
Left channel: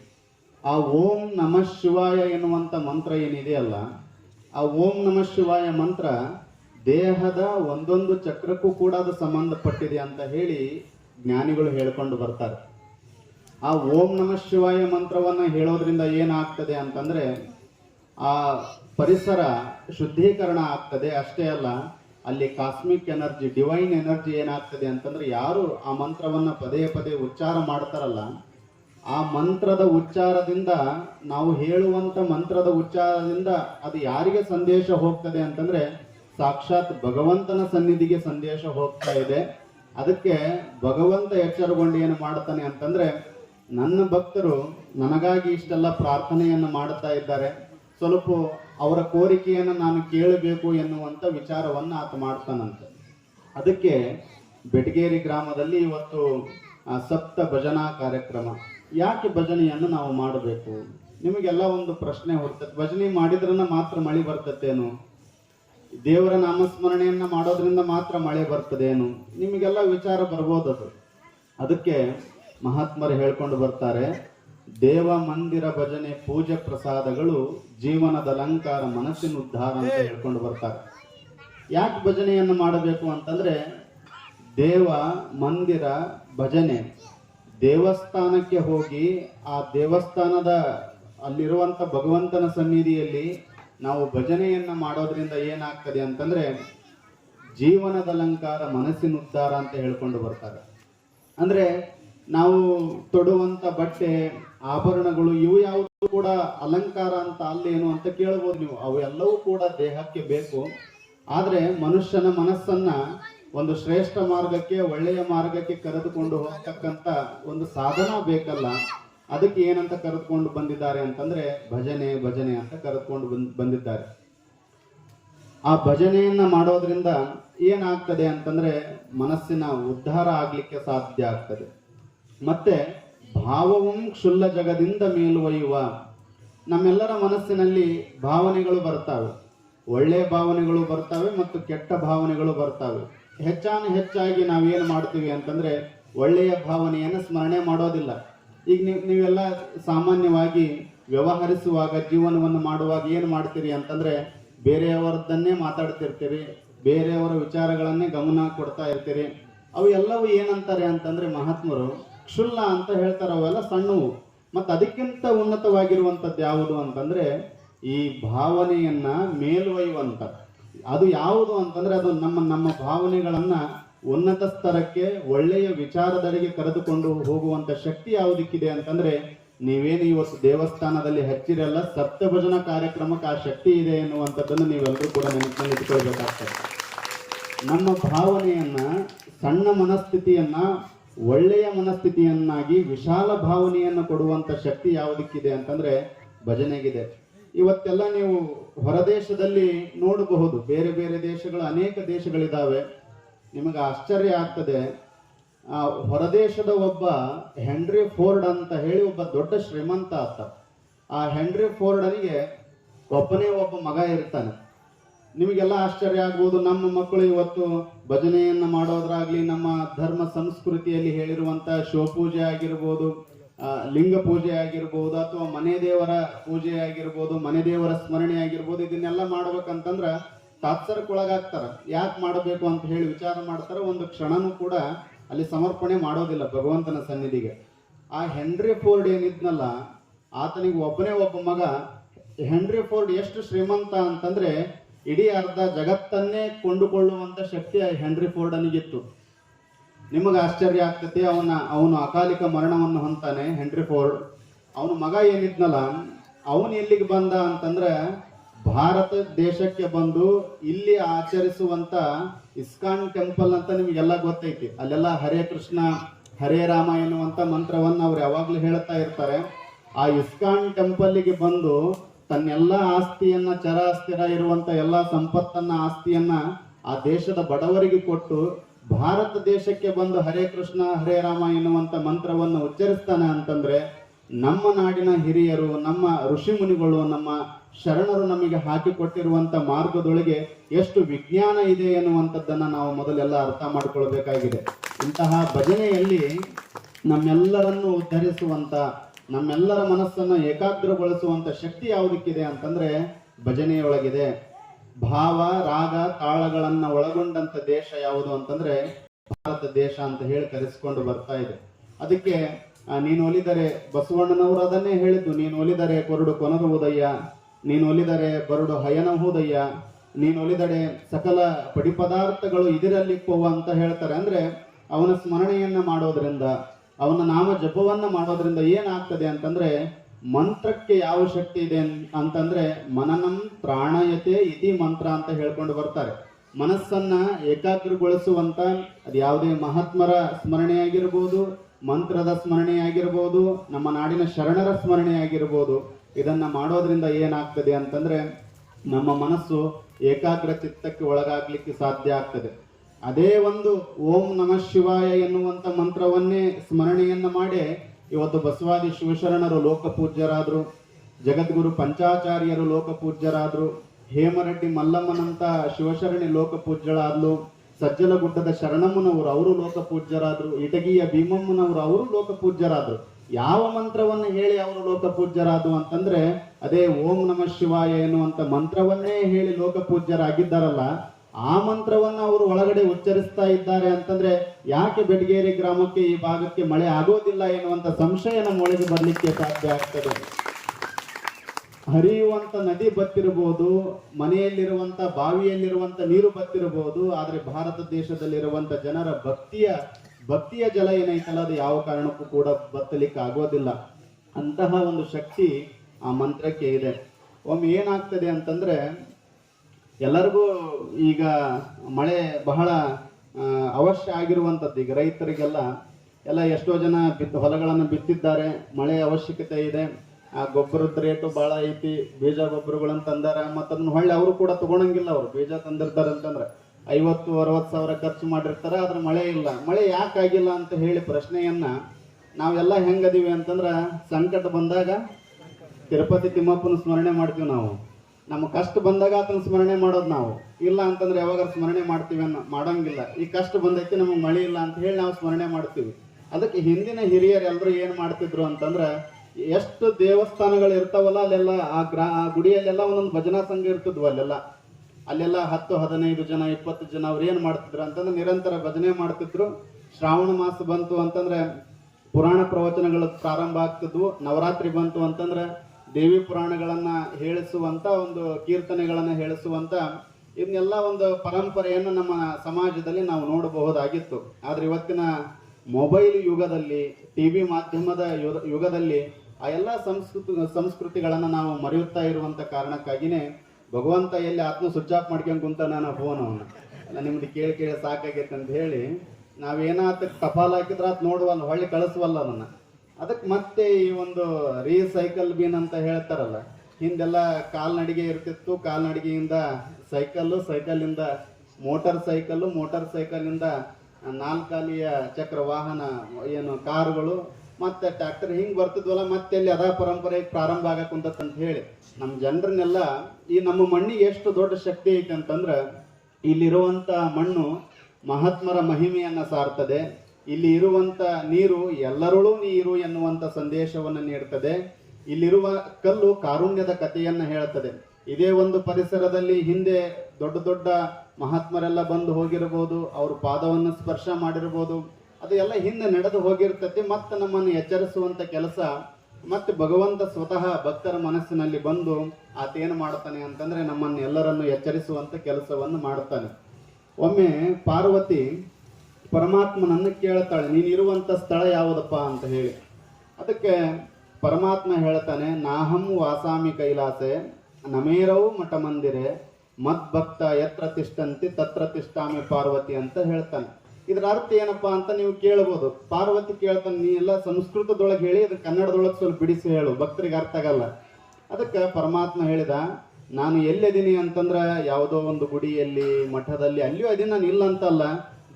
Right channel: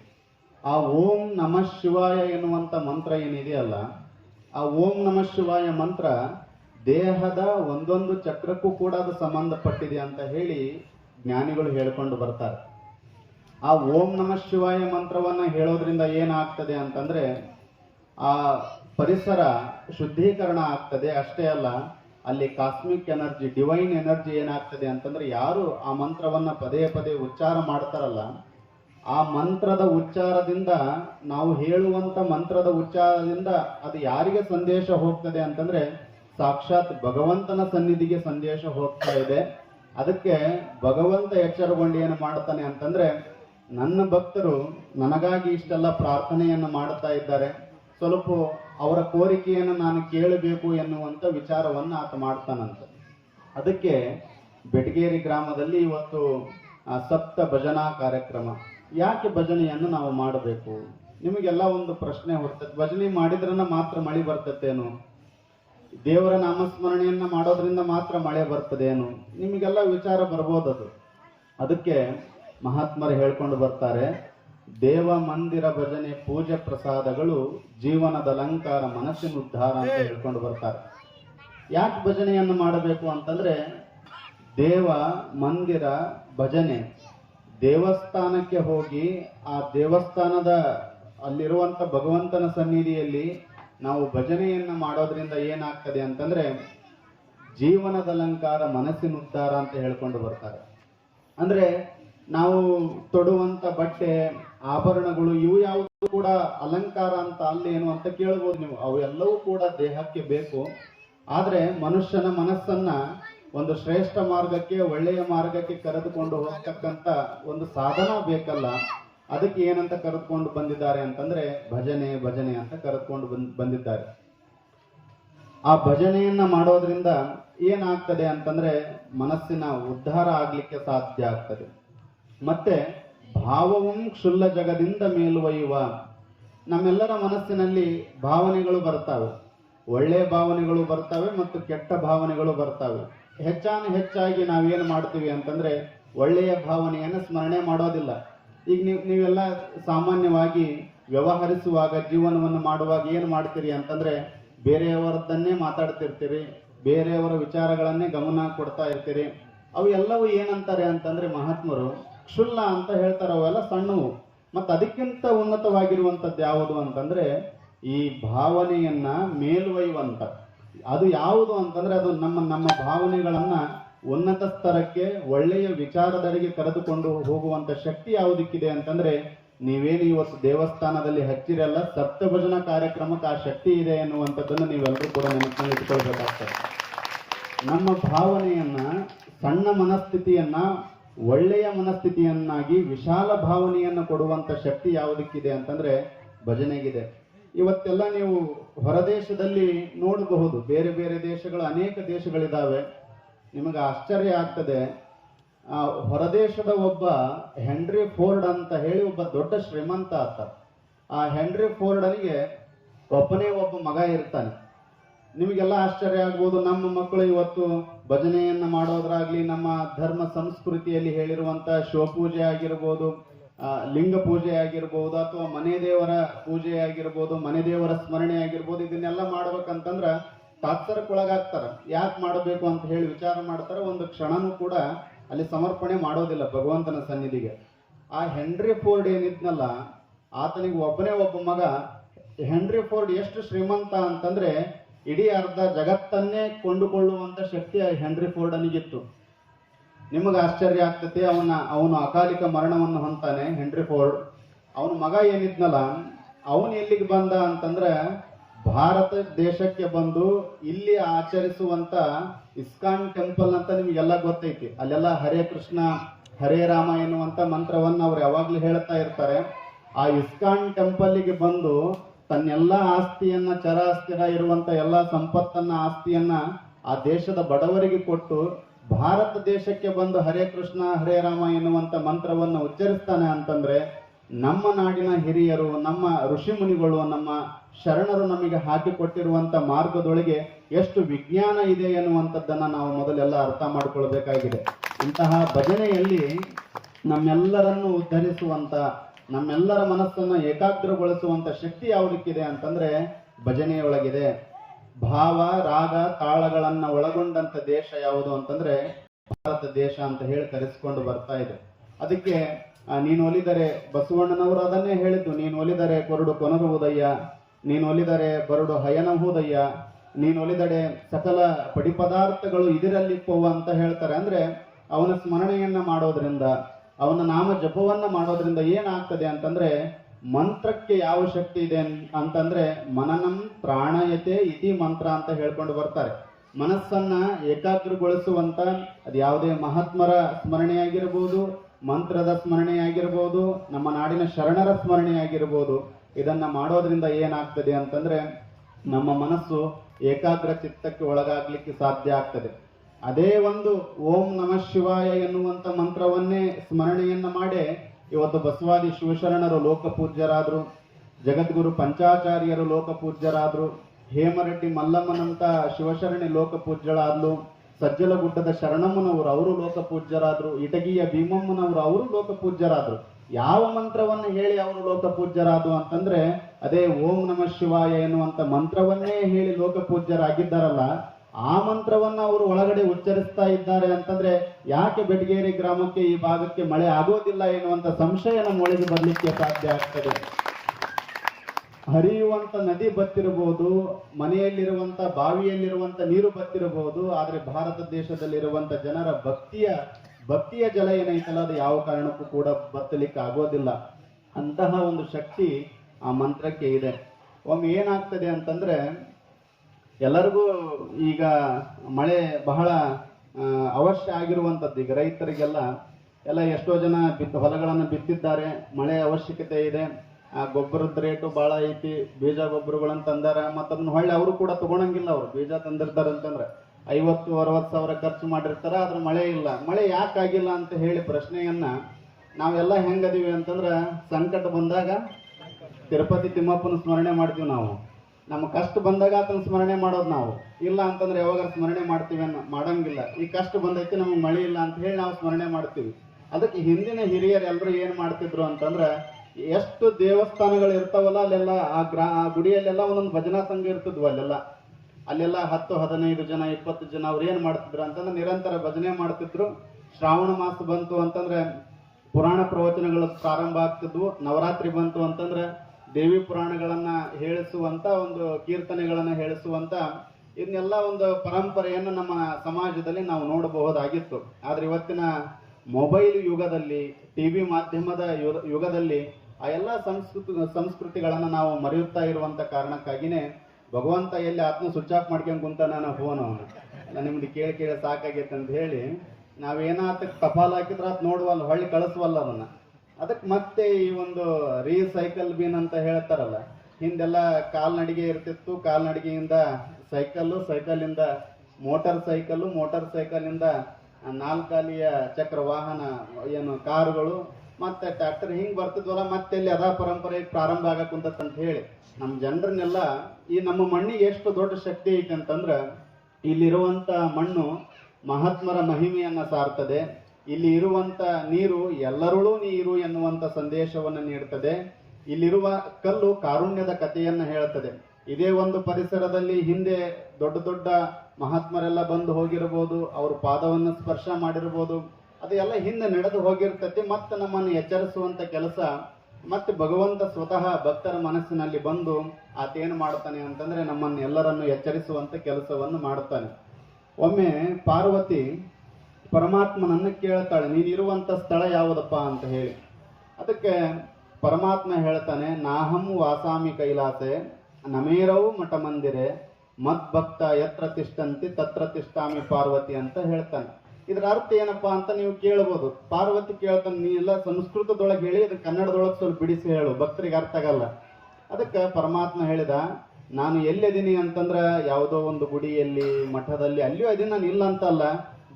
ಆ ಓಂ ನಮಃ ಶಿವಾಯ ಎನ್ನುವಂಥ ಮಂತ್ರ ಏನಿದೆಯಲ್ಲ, ಆ ಓಂ ನಮಃ ಶಿವಾಯ ಮಂತ್ರ ದೇಹದ ಒಂದೊಂದು ಚಕ್ರಕ್ಕೂ ಕೂಡ ಅದು ಸಂಬಂಧಪಟ್ಟಿದೆ ಅಂತ ಹೇಳಿ ಜ್ಞಾನಿಗಳು ಹೇಳ್ಕೊಂಡು ಬರ್ತಾರೆ. ಆ ಓಂ ನಮಃ ಶಿವಾಯ ಮಂತ್ರವನ್ನು ಹೇಳೋದ್ರಿಂದ ಏನಾಗ್ತದೆ ಅಂತಂದ್ರೆ, ಆ ಪರಿಸರ ಶುದ್ಧೀಕರಣ ಆಗ್ತದೆ. ಅಷ್ಟೇ ಅಲ್ಲ, ಅಲ್ಲಿ ಕಾಸ್ಮಿಕ್ ಎನರ್ಜಿ, ಡಿವೈನ್ ಎನರ್ಜಿ ಏನಾಗ್ತದೆ ಅಂತಂದ್ರೆ, ಯಾರು ಆ ಮಂತ್ರವನ್ನು ಪದೇ ಪದೇ ಉಚ್ಚಾರ ಮಾಡ್ತಾರಲ್ಲ, ಆ ಮಂತ್ರದ ಉಚ್ಚಾರದಿಂದ, ನಾವು ಹೇಳುವಂತ ಮಂತ್ರದ ಉಚ್ಚಾರದಿಂದ ಅದು ಯಾರಿಗೆ ಸಂದೇಶ ಹೋಗ್ತದೆ ಅಂತಂದ್ರೆ, ಸಾಕ್ಷಾತ್ ಭಗವಂತನ ಸನ್ನಿಧಿಗೆ ಸಂದೇಶ ಹೋಗ್ತಾ ಇದೆ. ಅದಕ್ಕೆ ಭಗವಂತ ಎಚ್ಚರಗೊಂಡು ಏನು ಮಾಡ್ತಾನೆ ಅಂತಂದ್ರೆ, ನನ್ನ ಭಕ್ತರು ನನಗಾಗಿ ಇಷ್ಟೆಲ್ಲ ಪ್ರಾರ್ಥನೆಯನ್ನು ಮಾಡುತ್ತಾ ಇದ್ದಾರೆ, ಸ್ವಲ್ಪ ಅವರ ಕೋರಿಕೆಯನ್ನು ನಾನು ಕೇಳಬೇಕು ಎನ್ನುವಂಥ ವಿಚಾರವನ್ನು ಆತ ಮಾಡ್ತಾನಂತ. ಅದಕ್ಕೆ ಬೆಟಗೇರಿ ಗ್ರಾಮದಲ್ಲಿ ಇವತ್ತು ಸಪ್ತ ಭಜನಾ ಕಾರ್ಯಕ್ರಮ. ಯಾಕೆ ಭಜನೆಯನ್ನು ನಾವು ಮಾಡಬೇಕು? ನಿಮಗೆಲ್ಲ ಒಂದು ಪ್ರಶ್ನೆ ಹೊರ್ತದೆ, ಭಜನೆ ಮಾಡಿದ್ರನ್ನ ಮಾತ್ರ ಮಳೆ ಬರ್ತದೇನು? ದೇವರ ನಾಮಸ್ಮರಣೆಯನ್ನು ಮಾಡೋದ್ರಿಂದ ಮಾತ್ರ ಮಳೆ ಬರ್ತದೇನು? ನಿಮಗೆಲ್ಲ ವಿಚಾರ ಬರ್ಬೋದದು. ಅದಕ್ಕೆ ಮಹಾತ್ಮರು ಹೇಳ್ಕೊಂಡು ಬರ್ತಾರೆ, ದೇವ ಮಂದಿರ ಭಜನೆ ಪೂಜೆ ಪ್ರಸಾದಗಳು ಜೀವನದ ಅಲಂಕಾರ ಮನಸ್ಸಿನ ಉದ್ಧಾರ ಅಂತ ಹೇಳ್ಕೊಂಡು ಬರ್ತಾರೆ. ಯಾಕೆ ಭಜನೆಯನ್ನು ಮಾಡಬೇಕು ಅಂತಂದ್ರೆ, ದೇವ ಮಂದಿರ ಭಜನೆ, ದೇವಸ್ಥಾನಕ್ಕೆ ಹೋಗಿ ಆ ದೇವಸ್ಥಾನದ ಅಲ್ಲಿರುವಂತ ಭಗವಂತನ ಸನ್ನಿಧಿಯಲ್ಲಿ ನಾವು ಭಜನೆಯನ್ನ ಮಾಡೋದ್ರಿಂದ ಏನಾಗ್ತದೆ ಅಂತಂದ್ರೆ ಜೀವನದ ಅಲಂಕಾರ ಮನಸ್ಸಿನ ಉದ್ಧಾರ ಅಂತ ಹೇಳ್ಕೊಂಡು ಬರ್ತಾರೆ. ಅಂದ್ರೆ ನಾವು ತೊಡುವಂತ ಬಟ್ಟೆ ಆಭರಣಗಳು ಇವು ಯಾವುದು ಕೂಡ ಅಲಂಕಾರ ಅಂತ ಅಲ್ಲೇನು ಅಂತ ಕೇಳ್ಬೋದು ನೀವು. ಅವು ಎಲ್ಲವೂ ಕೂಡ ದೇಹಕ್ಕೆ ಬೇಕು. ಆದ್ರೆ ಮನುಷ್ಯನ ಮನಸ್ಸನ್ನ ಒಂದು ಶ್ರೇಷ್ಠ ಮಾರ್ಗಕ್ಕೆ, ಒಳ್ಳೆಯ ಮಾರ್ಗಕ್ಕೆ ಕರೆದುಕೊಂಡು ಹೋಗ್ತಕ್ಕಂತ ಒಂದು ಸಾಧನ ಬೇಕಲ್ಲ. ಅದಕ್ಕೆ ಏನಂತ ಕರೆದುಕೊಂಡು ಬಂದಿದ್ದಾರೆ ಅಂತಂದ್ರೆ ಭಜನೆ ಭಜನೆ ಅಂತ ಕರೆದುಕೊಂಡು ಬಂದಿದ್ದಾರೆ. ಆ ಭಜನೆಯನ್ನ ಮಾಡೋದ್ರಿಂದ ಏನಾಗ್ತದೆ ಅಂತಂದ್ರೆ ಮನಸ್ಸಿನ ಉದ್ಧಾರ ಆಗ್ಲಿಕ್ಕೆ ಸಾಧ್ಯ ಆಗ್ತದೆ. ಮತ್ತೆ ಭಾವವಂ ಕ್ಷುಲ್ಲ ಜಗದಿಂದ ಮೇಲುವಯುವ. ನಮ್ಮೆಲ್ಲರ ಮನಸ್ಸಿನಲ್ಲಿ ಭಾವನೆಗಳು ಬರ್ತಾವೆ, ಒಳ್ಳೆಯ ಭಾವನೆಗಳು ಬರ್ತಾವೆ ಮತ್ತು ಕೆಟ್ಟ ಭಾವನೆಗಳು ಬರ್ತಾವೆ. ಹೆಚ್ಚಾಗಿ ನಾವೇನು ಮಾಡ್ತೀವಿ ಅಂತಂದ್ರೆ ಒಳ್ಳೆಯ ಭಾವನೆಯನ್ನು ಸ್ಮರಣೆ ಮಾಡೋದಿಲ್ಲ. ಈಗ ನೀವೆಲ್ಲ ಸಾಮಾನ್ಯವಾಗಿ ವ್ಯವಹರಿಸುವಾಗ, ಜೀವನವನ್ನು ಮಾಡುವಾಗ ಏನು ಮಾಡ್ತೀರಿ ಅಂತಂದ್ರೆ ಬೇರೆಯವರದ್ದನ್ನೇ ಮಾತಾಡ್ತಿರ್ತೀರಿ, ಬೇರೆಯವರ ವಿಚಾರಗಳನ್ನೇ ಗಮನ ಕೊಡ್ತಾ ಇರ್ತೀರಿ. ಅವು ಎಲ್ಲವೂ ಏನಂತಾರೆ ಅಂತಂದ್ರೆ ಮಹಾತ್ಮರು ಕ್ಷುಲ್ಲ ಅಂತ ಹೇಳ್ತಾರೆ. ಅವೆಲ್ಲ ಸಣ್ಣವು. ಮತ್ತು ಅದಕ್ಕಿಂತ ಉನ್ನತವಾಗಿರುವಂಥದ್ದು ಯಾವುದು ಅಂತಂದ್ರೆ ಈ ಭಾವನೆಯನ್ನ ಮೇಲ್ವೈಯುವಂತ. ಅದು ಯಾವುದು ಅಂತಂದ್ರೆ ಅದು ನಮ್ಮ ಭಾವನೆಗಳನ್ನ ಉನ್ನತ ಸ್ತರಕ್ಕೆ, ಒಳ್ಳೆಯ ವಿಚಾರದೆಡೆಗೆ ಕರೆದುಕೊಂಡು ಹೋಗುವಂತ ಶಕ್ತಿ ಯಾವುದಕ್ಕಿದೆ ಅಂತಂದ್ರೆ ನೀವೇನು ಇವತ್ತು ದೇವಸ್ಥಾನದಲ್ಲಿ ಹಚ್ಚಿರಲ್ಲ, ಸಪ್ತ ಭಜನಾ ಕಾರ್ಯಕ್ರಮಕ್ಕೆ ಆ ಶಕ್ತಿ ಇದೆ ಎನ್ನುವಂಥದ್ದನ್ನು ನೀವೆಲ್ಲರೂ ಕೂಡ ನೆನಪಿನಲ್ಲಿ ಇಟ್ಕೊಳ್ಬೇಕಾಗ್ತದೆ. ನಮ್ಮ ಭಾವನೆಯನ್ನ, ಸಣ್ಣ ಮನಸ್ಥಿತಿಯನ್ನ ಒಳ್ಳೆಯ ಮನಸ್ಥಿತಿಯನ್ನಾಗಿ ವಿಶಾಲ ಭಾವನೆಯನ್ನು ಕೊಡುವಂತ ಶಕ್ತಿ ಯಾವುದಕ್ಕಿದೆ ಅಂತಂದ್ರೆ ಭಜನೆಗಿದೆ. ಇವತ್ತೆಲ್ಲ ನೀವು ಹೊರದೇಶದಲ್ಲಿ ನೋಡಬಹುದು, ಬೇರೆ ಬೇರೆ ದೇಶಗಳು, ಅನೇಕ ದೇಶಗಳಿದ್ದಾವೆ. ನಿಮಗೆ ಆಶ್ಚರ್ಯ ಆಗ್ತದೆ. ಹೊರದೇಶದ ಒಬ್ಬ ಹೆನ್ರಿ ಫೋರ್ಡ್ ಅಂತ ಹೇಳಿ ಒಬ್ಬ ದೊಡ್ಡ ಶ್ರೀಮಂತ ಆತ. ಆ ಹೆನ್ರಿ ಫೋರ್ಡನಿಗೆ ಒಬ್ಬನೇ ಒಬ್ಬ ಮಗ ಇರ್ತಾನೆ. ನಿಮಗೆಲ್ಲ ಆಶ್ಚರ್ಯ ಆಗ್ಬೋದು, ನಮ್ಮ ಮಕ್ಕಳು ಇವತ್ತು ಭಜನೆಯನ್ನ ಮಾಡೋದ್ರಾಗ್ಲಿ, ನಮ್ಮ ಧರ್ಮ ಸಂಸ್ಕೃತಿಯಲ್ಲಿ ಹೇಳಿರುವಂತ ಶಿವಪೂಜೆ ಆಗಿರ್ಬೋದು, ಲಿಂಗ ಪೂಜೆ ಆಗಿರ್ಬೋದು, ಅಥವಾ ಮನೆ ದೇವರ ಪೂಜೆ ಆಗಿರ್ಬೋದು, ಮನೆ ದೇವರ ಸ್ಮರಣೆ ಆಗಿರ್ಬೋದು, ಇದನ್ನೆಲ್ಲ ಮಾಡ್ಬೇಕಂತಂದ್ರ ತಾತ್ಸರಕ್ಕೊಳಗಾಗ್ತಾರ. ಯಾಕೆ ಮಾಡಬೇಕು ಅಂತ ಹೇಳಿ ವಿಚಾರ ಮಾಡ್ತಾರೆ. ಒಂದು ಕ್ಷಣನೂ ಕೂಡ ಅಲ್ಲಿ ಸಮರ್ಪಣೆ ಮಾಡೋದಿಲ್ಲ ಭಗವಂತನ ಸನ್ನಿಧಿಗೆ. ಆ ಹೆನ್ರಿ ಫೋರ್ಡ್ ಏನಿದ್ನಲ್ಲ, ಆತನಿಗೆ ಒಬ್ಬನೇ ಒಬ್ಬ ಮಗ. ಹೆನ್ರಿ ಫೋರ್ಡ್ ಎಷ್ಟು ಶ್ರೀಮಂತ ಅಂತಂದ್ರೆ ಇಡೀ ಅರ್ಧ ಜಗತ್ತನ್ನೇ ಕೊಂಡುಕೊಳ್ಳುವಂತ ಶಕ್ತಿ ಹೆನ್ರಿ ಫೋರ್ಡನಿಗಿತ್ತು. ನಿಮಗೆ ಆಶ್ಚರ್ಯ ಆಗ್ತದೆ. ಅವನು ಅಕಾಲಿಕ ಮರಣವನ್ನು ಹೊಂತಾನೆ ಹೆನ್ರಿ ಫೋರ್ಡ್. ಅವನ ಮಗ ಏನಿದ್ನಲ್ಲ, ಅವನು ಎಲ್ಲಿಗೆ ಬಂದ ಅಂತಂದ್ರೆ ಭಾರತ ದೇಶಕ್ಕೆ ಬಂದು ಇಲ್ಲಿ ಆಚರಿಸುವಂತ ಇಸ್ಕಾನ್ ಟೆಂಪಲ್ ಅಂತ ನಿಮಗೆಲ್ಲ ಗೊತ್ತೈತಿ. ಅಲ್ಲೆಲ್ಲ ಹರೇ ಕೃಷ್ಣ ಹರೇ ರಾಮ ಎನ್ನುವಂತ ಮಂತ್ರವನ್ನು ಅವ್ರು ಯಾವಾಗ್ಲೂ ಹೇಳ್ತಾ ಇರ್ತಾರೆ. ಆ ಇಸ್ಕಾನ್ ಟೆಂಪಲ್ಗೆ ಬಂದು ತನ್ನೆಲ್ಲ ಆಸ್ತಿಯನ್ನ, ಚರ ಅಸ್ಥಿರ ಇರುವಂತ ಎಲ್ಲ ಸಂಪತ್ತನ್ನ, ಆಸ್ತಿಯನ್ನ ಆ ದೇಶದ ಬಡವರಿಗೆ ಕೊಟ್ಟು ಭಾರತ ದೇಶಕ್ಕೆ ಬಂದು ಹರೇ ಕೃಷ್ಣ ಹರೇ ರಾಮ ಎನ್ನುವಂತ ಮಂತ್ರವನ್ನು ಉಚ್ಚರಿಸ್ತಾನೆ ಅಂತಂದ್ರೆ ನಮ್ಮ ನಾಡಿನ ಹಿರಿಯರು, ನಮ್ಮ ಋಷಿ ಮುನಿಗಳು, ನಮ್ಮ ಶರಣರು ನಮಗೆ ಹಾಕಿಕೊಟ್ಟಿರುವಂತ ಮಾರ್ಗದೊಳಗೆ ಎಷ್ಟು ವಿಜ್ಞಾನ ಇದೆ ಎನ್ನುವಂಥದ್ದನ್ನ ನಾವು ಮೊದಲೆಲ್ಲ ಅರ್ಥ ಮಾಡಿಕೊಳ್ಬೇಕಾಗಿದೆ. ಇಂತಹ ಭಜನೆಯಲ್ಲಿ ನಮ್ಮೆಲ್ಲರನ್ನು ಉದ್ಧರಿಸುವಂತ, ನಮ್ಮೆಲ್ಲರ ಮನಸ್ಸನ್ನು ಏಕಾಗ್ರಗೊಳಿಸುವಂತ ಶಕ್ತಿ ಯಾವುದಕ್ಕಿದೆ ಅಂತಂದ್ರೆ ಭಜನೆಯೊಳಗಿದೆ. ಭಾವ, ರಾಗ, ತಾಳಗಳನ್ನ ಒಳಗೊಂಡಂತ ದೇಶ ಯಾವುದು ಅಂತಂದ್ರೆ ಭಾರತ ದೇಶ ಅಂತ ಹೇಳಿ ಕರೆಸಿಕೊಂಡು ಬರ್ತಾ ಇದೆ. ಅದಕ್ಕೆ ನೀನು ಒಲಿದರೆ, ಬಸವಣ್ಣನವರು ಅದನ್ನೇ ಹೇಳಿದ್ದು, ನೀನು ಒಲಿದರೆ ಕೊರಡು ಕೊನರುವುದಯ್ಯ, ನೀನು ಒಲಿದರೆ ಬರಡು ಹಯನಹುದಯ್ಯ, ನೀನು ಒಲಿದಡೆ ಸಕಲ ಪಡಿಪದಾರ್ಥಗಳು ಇದರಲ್ಲಿಪ್ಪವು ಅಂತ ಹೇಳ್ತಾರೆ. ಅಂದ್ರೆ ಅವನ ಸ್ಮರಣೆಯನ್ನ ಮಾಡೋದ್ರಿಂದ, ಅವನ ನಾಮ ಜಪವನ್ನ ಮಾಡೋದ್ರಿಂದ ಏನಾಗ್ತದೆ ಅಂತಂದ್ರೆ ಮಂತ್ರಕ್ಕೆ ಯಾವ ಶಕ್ತಿ ಇದೆ ಅಂತಂದ್ರೆ ಮನನಂ ತ್ರಾಣಯತೆ ಇತಿ ಮಂತ್ರ ಅಂತ ಹೇಳ್ಕೊಂಡು ಬರ್ತಾರೆ. ಮನಸ್ಸನ್ನ ಏಕಾಗ್ರಗೊಳಿಸುವಂತ ಅದು ಯಾವುದೇ ಮಹಾತ್ಮರ ಸ್ಮರಣೆ ಆಗಿರ್ಬೋದು, ಮಂತ್ರದ ಸ್ಮರಣೆ ಆಗಿರ್ಬೋದು, ನಮ್ಮ ನಾಡಿನ ಶರಣರ ಸ್ಮರಣೆ ಆಗಿರ್ಬೋದು, ಇದನ್ನ ಮಾಡೋದ್ರಿಂದ ಏನಾಗ್ತದೆ ಅಂತಂದ್ರೆ ನಮ್ಮ ಮನಸ್ಸು ಏಕಾಗ್ರ ಚಿತ್ತಕ್ಕೆ ಒಳಗಾಗ್ಲಿಕ್ಕೆ ಸಾಧ್ಯ ಆಗ್ತದೆ. ಅದೇ ಒಂದು ಓಂ ನಮಃ ಶಿವಾಯ ಎನ್ನುವಂತ ಮಂತ್ರವನ್ನೇ ಸ್ಮರಣೆಯನ್ನ ಮಾಡಿ ಇವತ್ತು ಬಸವಾದಿ ಶಿವಶರಣರು ಲೋಕಪೂಜ್ಯರಾದ್ರು, ಜಗದ್ಗುರು ಪಂಚಾಚಾರ್ಯರು ಲೋಕಪೂಜ್ಯರಾದ್ರು, ಹೇಮರೆಡ್ಡಿ ಮಲ್ಲಮ್ಮನಂತ ಶಿವಶರಣಿ ಲೋಕಪೂಜ್ಯಳಾದ್ಲು, ಸಜ್ಜಲಗುಡ್ಡದ ಶರಣಮ್ಮನವರು ಅವರು ಲೋಕಪೂಜ್ಯರಾದ್ರು, ಇಟಗಿಯ ಭೀಮಮ್ಮನವರು ಅವರು ಲೋಕಪೂಜ್ಯರಾದ್ರು. ಯಾವ ಮಂತ್ರವನ್ನು ಹೇಳಿ ಅವರು ಲೋಕಪೂಜ್ಯರಾದ್ರು ಅಂತಂದ್ರೆ ಅದೇ ಓಂ ನಮಃ ಶಿವಾಯ ಎನ್ನುವಂತ ಮಂತ್ರವನ್ನೇ ಹೇಳಿ ಲೋಕಪೂಜ್ಯರಾಗಿದ್ದಾರಲ್ಲ, ಆ ಮಂತ್ರವನ್ನ ಅವರು ಒಳಗಡೆ ಉಚ್ಚರಿಸ್ತಾ ಇದ್ದಾರೆ ಅಂತಂದ್ರೆ ಯಾಕೆ ಬೆಡಗೇರಿ ಗ್ರಾಮಕ್ಕೆ, ಈ ಭಾಗಕ್ಕೆ ಮಳೆ ಆಗೋದಿಲ್ಲ ಎನ್ನುವಂತ ಸಂಶಯ ನಮ್ಮ ಒಳಗೆ ಬರ್ಲಿಕ್ಕೆ ಸಾಧ್ಯ ಆಗ್ತದೆ. ಹರಿಯುವಂತ ನದಿ ಬತ್ತಿರಬಹುದು, ಮನೆಯಲ್ಲಿರುವಂತ ಬಾವಿಯಲ್ಲಿರುವಂತ ನೀರು ಬತ್ತಿರಬಹುದು, ಆದ್ರೆ ಭಾರತ ದೇಶದಲ್ಲಿರುವಂತ ಜನರ ಭಕ್ತಿಯ ಜಲ ಏನೈತಲ್ಲ ಅದು ಯಾವ ಕಾರಣಕ್ಕೂ ಕೂಡ ಬತ್ತಲಿಕ್ಕೆ ಆಗೋದಿಲ್ಲ. ಅಂತಹ ಒಂದು ಶಕ್ತಿ ಆ ಮಂತ್ರಕ್ಕೆ ಇದೆ. ಒಮ್ಮೆ ಏನಾಗ್ತದೆ ಅಂತಂದ್ರೆ, ಎಲ್ಲರಿಗೂ ಈಗ ಮಳೆ ಬಹಳ ಅವಶ್ಯ ಆಗಿರುವಂಥದ್ದು. ಈಗ ರೈತರಿಗೆಲ್ಲ ಎಷ್ಟೋ ಜನ ಹೊಲಗಳನ್ನು ಬಿತ್ತಿದ್ದಾರೆ, ಮಳೆ ಅವಶ್ಯಕತೆ ಇದೆ, ಗೊಬ್ಬರದ ರೇಟು ಭಾಳ ಐತಿ, ಬೀಜ ಗೊಬ್ಬರಗಳನ್ನ ತಂದಾರೆ, ಮತ್ತು ಅದನ್ನ ಹೊಳ್ಳಿ ಅವರು ಕೂಡ ತಗೊಳಂಗಿಲ್ಲ. ಅವರು ಬೀಜ ತಂದಿರ್ತಾರೆ ಅಂತಂದ್ರೆ 50-60 ಸಾವಿರ ಖರ್ಚು ಮಾಡಿರ್ತಾರೆ, ಆದ್ರೆ ಮಳೆ ಇಲ್ಲ. ಮಳೆ ಯಾಕಾಗಿಲ್ಲ ಅಂತ ಹೇಳಿ ಪ್ರಶ್ನೆಯನ್ನ ನಾವೆಲ್ಲ ಹೆಂಗದೀವಿ ಅಂತಂದ್ರೆ, ಸಂಕಟ ಬಂದಾಗ ತಿರುಪತಿ ತಿಮ್ಮಪ್ಪನ ಸ್ಮರಣೆ ಮಾಡ್ತೀವಿ ನಾವು, ನಮ್ಮ ಕಷ್ಟ ಬಂದಾಗ ಆತನ ಸ್ಮರಣೆ ಮಾಡೋದು ನಾವು. ಇಲ್ಲ ಅಂತಂದ್ರೆ ಯಾವಾಗ ಸ್ಮರಣೆ ಮಾಡ್ತೀವಿ ಮಾಡಂಗಿಲ್ಲ. ಈ ಕಷ್ಟ ಬಂದೈತಿ, ನಮಗೆ ಮಳೆ ಇಲ್ಲ ಅಂತ ಹೇಳಿ ನಾವು ಸ್ಮರಣೆ ಮಾಡ್ತೀವಿ. ಅದಕ್ಕೆ ಹಿಂದಿನ ಹಿರಿಯರೆಲ್ಲರೂ ಏನ್ ಮಾಡ್ತಿದ್ರು ಅಂತಂದ್ರೆ, ಎಷ್ಟು ದೇವಸ್ಥಾನಗಳು ಇರ್ತಾವಲ್ಲ ಅಲ್ಲೆಲ್ಲ ಆ ಗುಡಿಯಲ್ಲೆಲ್ಲ ಒಂದೊಂದು ಭಜನಾ ಸಂಘ ಇರ್ತಿದ್ವು. ಅಲ್ಲೆಲ್ಲ 10, 15 ಜನ, 20 ಜನ ಅವ್ರು ಏನ್ ಮಾಡ್ತಿದ್ರು ಅಂತಂದ್ರೆ ನಿರಂತರ ಭಜನೆ ಮಾಡ್ತಿದ್ರು. ಶ್ರಾವಣ ಮಾಸ ಬಂತು ಅಂತಂದ್ರೆ ಪುರಾಣ ಪ್ರವಚನಗಳು ಪ್ರಾರಂಭ ಆಗ್ತಿದ್ವು. ನವರಾತ್ರಿ ಬಂತು ಅಂತಂದ್ರೆ ದೇವಿ ಪುರಾಣಗಳನ್ನ ಹೇಳಿಸುವಂತ ಒಂದು ಕೀರ್ತನೆಗಳನ್ನ ಹೇಳಿಸುವಂತ ಇದನ್ನೆಲ್ಲ ಒಂದು ಪರಂಪರೆಯನ್ನು ನಮ್ಮ ಸಮಾಜದಲ್ಲಿ ನಾವು ನೋಡಬಹುದಾಗಿತ್ತು. ಆದ್ರೆ ಇವತ್ತಿನ ಮೊಬೈಲ್ ಯುಗದಲ್ಲಿ, ಟಿವಿ ಮಾಧ್ಯಮದ ಯುಗದಲ್ಲಿ ಆ ಎಲ್ಲ ಸಂಸ್ಕೃತಿಗಳನ್ನ ನಾವು ಮರೆಯುತ್ತಾ ಇರುವಂತ ಕಾರಣಕ್ಕಾಗಿನೇ ಭಗವಂತ ಎಲ್ಲಿ ಆತ್ಮ ಸ್ವಿಚ್ ಆಫ್ ಮಾಡ್ಕೊಂಡ್ ಕುಂತ ನಾನು ಫೋನ್ ಅಲ್ಲ ನಿಮ್ದು ಕೇಳಿ ಸಾಕಾಗೈತೆ ಅಂತ ಹೇಳಿ ನಾವೇನಾತ ಟಪಾಲ್ ಹಾಕಿದ್ರೆ ಅದು ನೋಡುವಲ್ಲ, ಹೊಳ್ಳಿ ಕಳಿಸುವಲ್ಲ ಅದನ್ನ. ಅದಕ್ಕೆ ಮತ್ತೆ ಈ ಒಂದು ರೀಸೈಕಲ್ ಬಿನ್ ಅಂತ ಹೇಳ್ತಾರಲ್ಲ, ಹಿಂದೆಲ್ಲ ಕಾಲ್ನಡಿಗೆ ಇರ್ತಿತ್ತು, ಕಾಲ್ನಡಿಗೆಯಿಂದ ಸೈಕಲ್ಲಿಂದ ಮೋಟಾರ್ ಸೈಕಲ್ಲಿಂದ 4 ಕಾಲಿಯ ಚಕ್ರ ವಾಹನ ಏನು ಕಾರುಗಳು, ಮತ್ತೆ ಟ್ರ್ಯಾಕ್ಟರ್, ಹಿಂಗ್ ಬರ್ತಿದ್ವಲ್ಲ. ಮತ್ತೆ ಅಲ್ಲಿ ಅದ ಪರಂಪರೆ ಪ್ರಾರಂಭ ಆಗಕ್ ಕುಂತಂತ ಹೇಳಿ ನಮ್ಮ ಜನರನ್ನೆಲ್ಲ, ಈ ನಮ್ಮ ಮಣ್ಣಿಗೆ ಎಷ್ಟು ದೊಡ್ಡ ಶಕ್ತಿ ಐತೆ ಅಂತಂದ್ರ, ಇಲ್ಲಿರುವಂತ ಮಣ್ಣು ಮಹಾತ್ಮರ ಮಹಿಮೆಯನ್ನ ಸಾರ್ತದೆ. ಇಲ್ಲಿ ಇರುವಂತ ನೀರು ಎಲ್ಲರಲ್ಲೂ ನೀರು ಎನ್ನುವಂತ ಸಂದೇಶವನ್ನು ನೀಡುತ್ತದೆ. ಇಲ್ಲಿರುವ ಕಲ್ಲು ಕಾರುಣ್ಯದ ಕಥೆಯನ್ನ ಹೇಳ್ತದೆ. ಇದೇ ಒಂದು ಪರಿಸರದಲ್ಲಿ ಹಿಂದೆ ದೊಡ್ಡ ದೊಡ್ಡ ಮಹಾತ್ಮರೆಲ್ಲ ಬಂದು ಹೋಗಿರಬಹುದು, ಅವ್ರ ಪಾದವನ್ನು ಸ್ಪರ್ಶ ಮಾಡಿರಬಹುದು, ಅದೆಲ್ಲ ಹಿಂದೆ ನಡೆದು ಹೋಗಿರ್ತೈತಿ. ಮತ್ತೆ ನಮ್ಮನ್ನು ಎಚ್ಚರಿಸುವಂತ ಕೆಲಸ ಮತ್ತೆ ಭಗವಂತ ಸ್ವತಃ ಭಕ್ತರ ಮನಸ್ಸಿನಲ್ಲಿ ಬಂದು ಆತೇನು ಮಾಡ್ತಾನೆ ಅಂತಂದ್ರೆ ನಮ್ಮನ್ನು ಎಲ್ಲರನ್ನು ಎಚ್ಚರಿಸುವಂತ ಕೆಲಸವನ್ನು ಮಾಡ್ತಾನೆ. ಒಮ್ಮೆ ಪಾರ್ವತಿ ಪರಮಾತ್ಮನನ್ನು ಕೇಳ್ತಾಳೆ, ನೀನಿರುವಂತ ಸ್ಥಳ ಯಾವುದಪ್ಪ ಅಂತ ಹೇಳಿ. ಅದಕ್ಕೆ ಪರಮಾತ್ಮ ಹೇಳ್ತಾನೆ, ನಾಹಂ ವಾಸಾಮಿ ಕೈಲಾಸೆ ನಮೇರವು ಮಠ ಮಂದಿರೆ ಮದ್ಭಕ್ತ ಯತ್ರ ತಿಷ್ಟಂತಿ ತತ್ರ ತಿಷ್ಟಾಮಿ ಪಾರ್ವತಿ ಅಂತ ಹೇಳ್ತಾನೆ. ಇದರ ಅರ್ಥ ಏನಪ್ಪಾ ಅಂತ ನೀವು ಕೇಳಬಹುದು. ಪಾರ್ವತಿ ಕೇಳ್ತಾನೆ, ನೀ ಎಲ್ಲ ಸಂಸ್ಕೃತದೊಳಗೆ ಹೇಳಿ ಅದನ್ನ ಕನ್ನಡದೊಳಗೆ ಸ್ವಲ್ಪ ಬಿಡಿಸಿ ಹೇಳು, ಭಕ್ತರಿಗೆ ಅರ್ಥ ಆಗಲ್ಲ. ಅದಕ್ಕೆ ಪರಮಾತ್ಮ ಹೇಳಿದ, ನಾನು ಎಲ್ಲಿದ್ದೀನಿ ಅಂತಂದ್ರ ಯಾವುದೋ ಒಂದು ಗುಡಿಯಲ್ಲಿ, ಮಠದಲ್ಲಿ, ಅಲ್ಲಿಯೂ ಅದೀನಿ, ನಾನು ಇಲ್ಲ ಅಂತಲ್ಲ.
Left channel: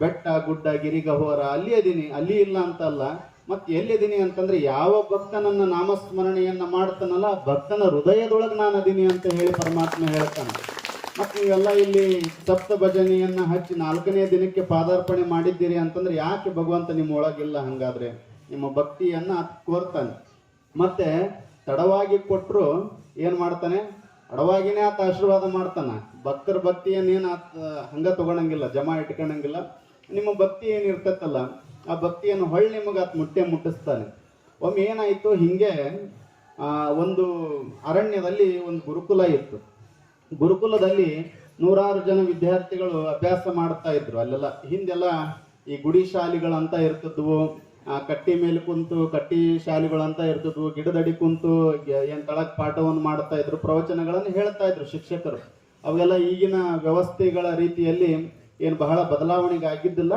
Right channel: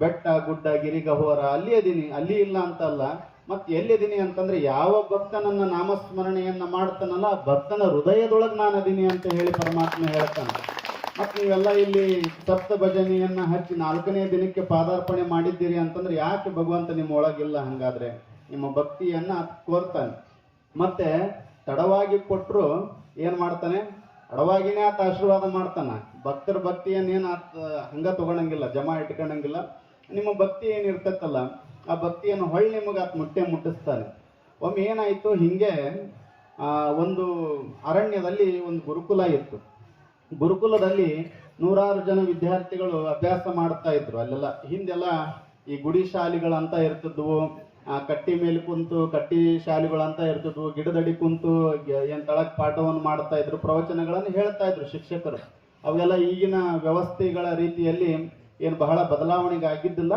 ಬೆಟ್ಟ ಗುಡ್ಡ ಗಿರಿಗಹೋರ ಅಲ್ಲಿ ಅದೀನಿ, ಅಲ್ಲಿ ಇಲ್ಲ ಅಂತಲ್ಲ. ಮತ್ತೆ ಎಲ್ಲಿದ್ದೀನಿ ಅಂತಂದ್ರೆ ಯಾವ ಭಕ್ತ ನನ್ನ ನಾಮಸ್ಮರಣೆಯನ್ನ ಮಾಡ್ತಾನಲ್ಲ ಭಕ್ತನ ಹೃದಯದೊಳಗೆ ನಾನು ಅದೀನಿ ಅಂತ ಹೇಳಿ ಪರಮಾತ್ಮ ಹೇಳ್ತಾನೆ. ಮತ್ತೆ ನೀವೆಲ್ಲ ಇಲ್ಲಿ ಸಪ್ತ ಭಜನೆಯನ್ನ ಹಚ್ಚಿ 4ನೇ ದಿನಕ್ಕೆ ಪಾದಾರ್ಪಣೆ ಮಾಡಿದ್ದೀರಿ ಅಂತಂದ್ರೆ ಯಾಕೆ ಭಗವಂತ ನಿಮ್ಮ ಒಳಗಿಲ್ಲ? ಹಂಗಾದ್ರೆ ನಿಮ್ಮ ಭಕ್ತಿಯನ್ನ ಕೋರ್ತಾನೆ. ಮತ್ತೆ ತಡವಾಗಿ ಕೊಟ್ಟರು ಏನ್ ಮಾಡ್ತಾನೆ? ತಡವಾಗಿನೇ ಆತ ಆಶೀರ್ವಾದ ಮಾಡ್ತಾನ. ಭಕ್ತರ ಭಕ್ತಿಯನ್ನೇನು ಆತ ಹಂಗ ತಗೊಳಂಗಿಲ್ಲ, ಜಮಾ ಇಟ್ಕೊಳಂಗಿಲ್ಲ. ನಿಮ್ಮ ಭಕ್ತಿ ಏನಿರ್ತೈತಲ್ಲ ಆ ಭಕ್ತಿಯನ್ನು ಹೊಳ್ಳಿ ನಿಮಗೆ ಆತ ಮುಟ್ಟಿಸ್ತಾನೆ. ಒಮ್ಮೆ ಏನಾಯ್ತು, ಹಿಂಗೆ ಒಂದು ಅರಣ್ಯದಲ್ಲಿ ಒಂದು ಗುರುಕುಲ ಇತ್ತು. ಗುರುಕುಲದಲ್ಲಿ 100 ಜನ ವಿದ್ಯಾರ್ಥಿಗಳು ಅಭ್ಯಾಸ ಮಾಡ್ತಾ ಇದ್ರು. ಅಲ್ಲೆಲ್ಲ ಹಿಂದೆಲ್ಲ ಈ ಗುಡಿ ಶಾಲೆಗಳಂತ ಇರ್ತಿದ್ವು, ಕಟ್ಟಿ ಮೇಲೆ ಕುಂತು ಕಟ್ಟಿ ಶಾಲೆಗಳಂತ ಇರ್ತಿದ್ವು, ಗಿಡದಡಿ ಕುಂತು ಏನ್ ತಳಕ್ ಪಾಠವನ್ನು ಮಾಡ್ತಾ ಇದ್ರು, ಪ್ರವಚನಗಳನ್ನು ಹೇಳ್ತಾ ಇದ್ರು ಶಿಕ್ಷಕರು. ಅವೆಲ್ಲ ಈಗಿನ ವ್ಯವಸ್ಥೆಗಳ ರೀತಿಯಲ್ಲಿ ಏನು ಬಹಳ ಬದಲಾವಣೆಗೆ ಆಗಿದ್ದಿಲ್ಲ.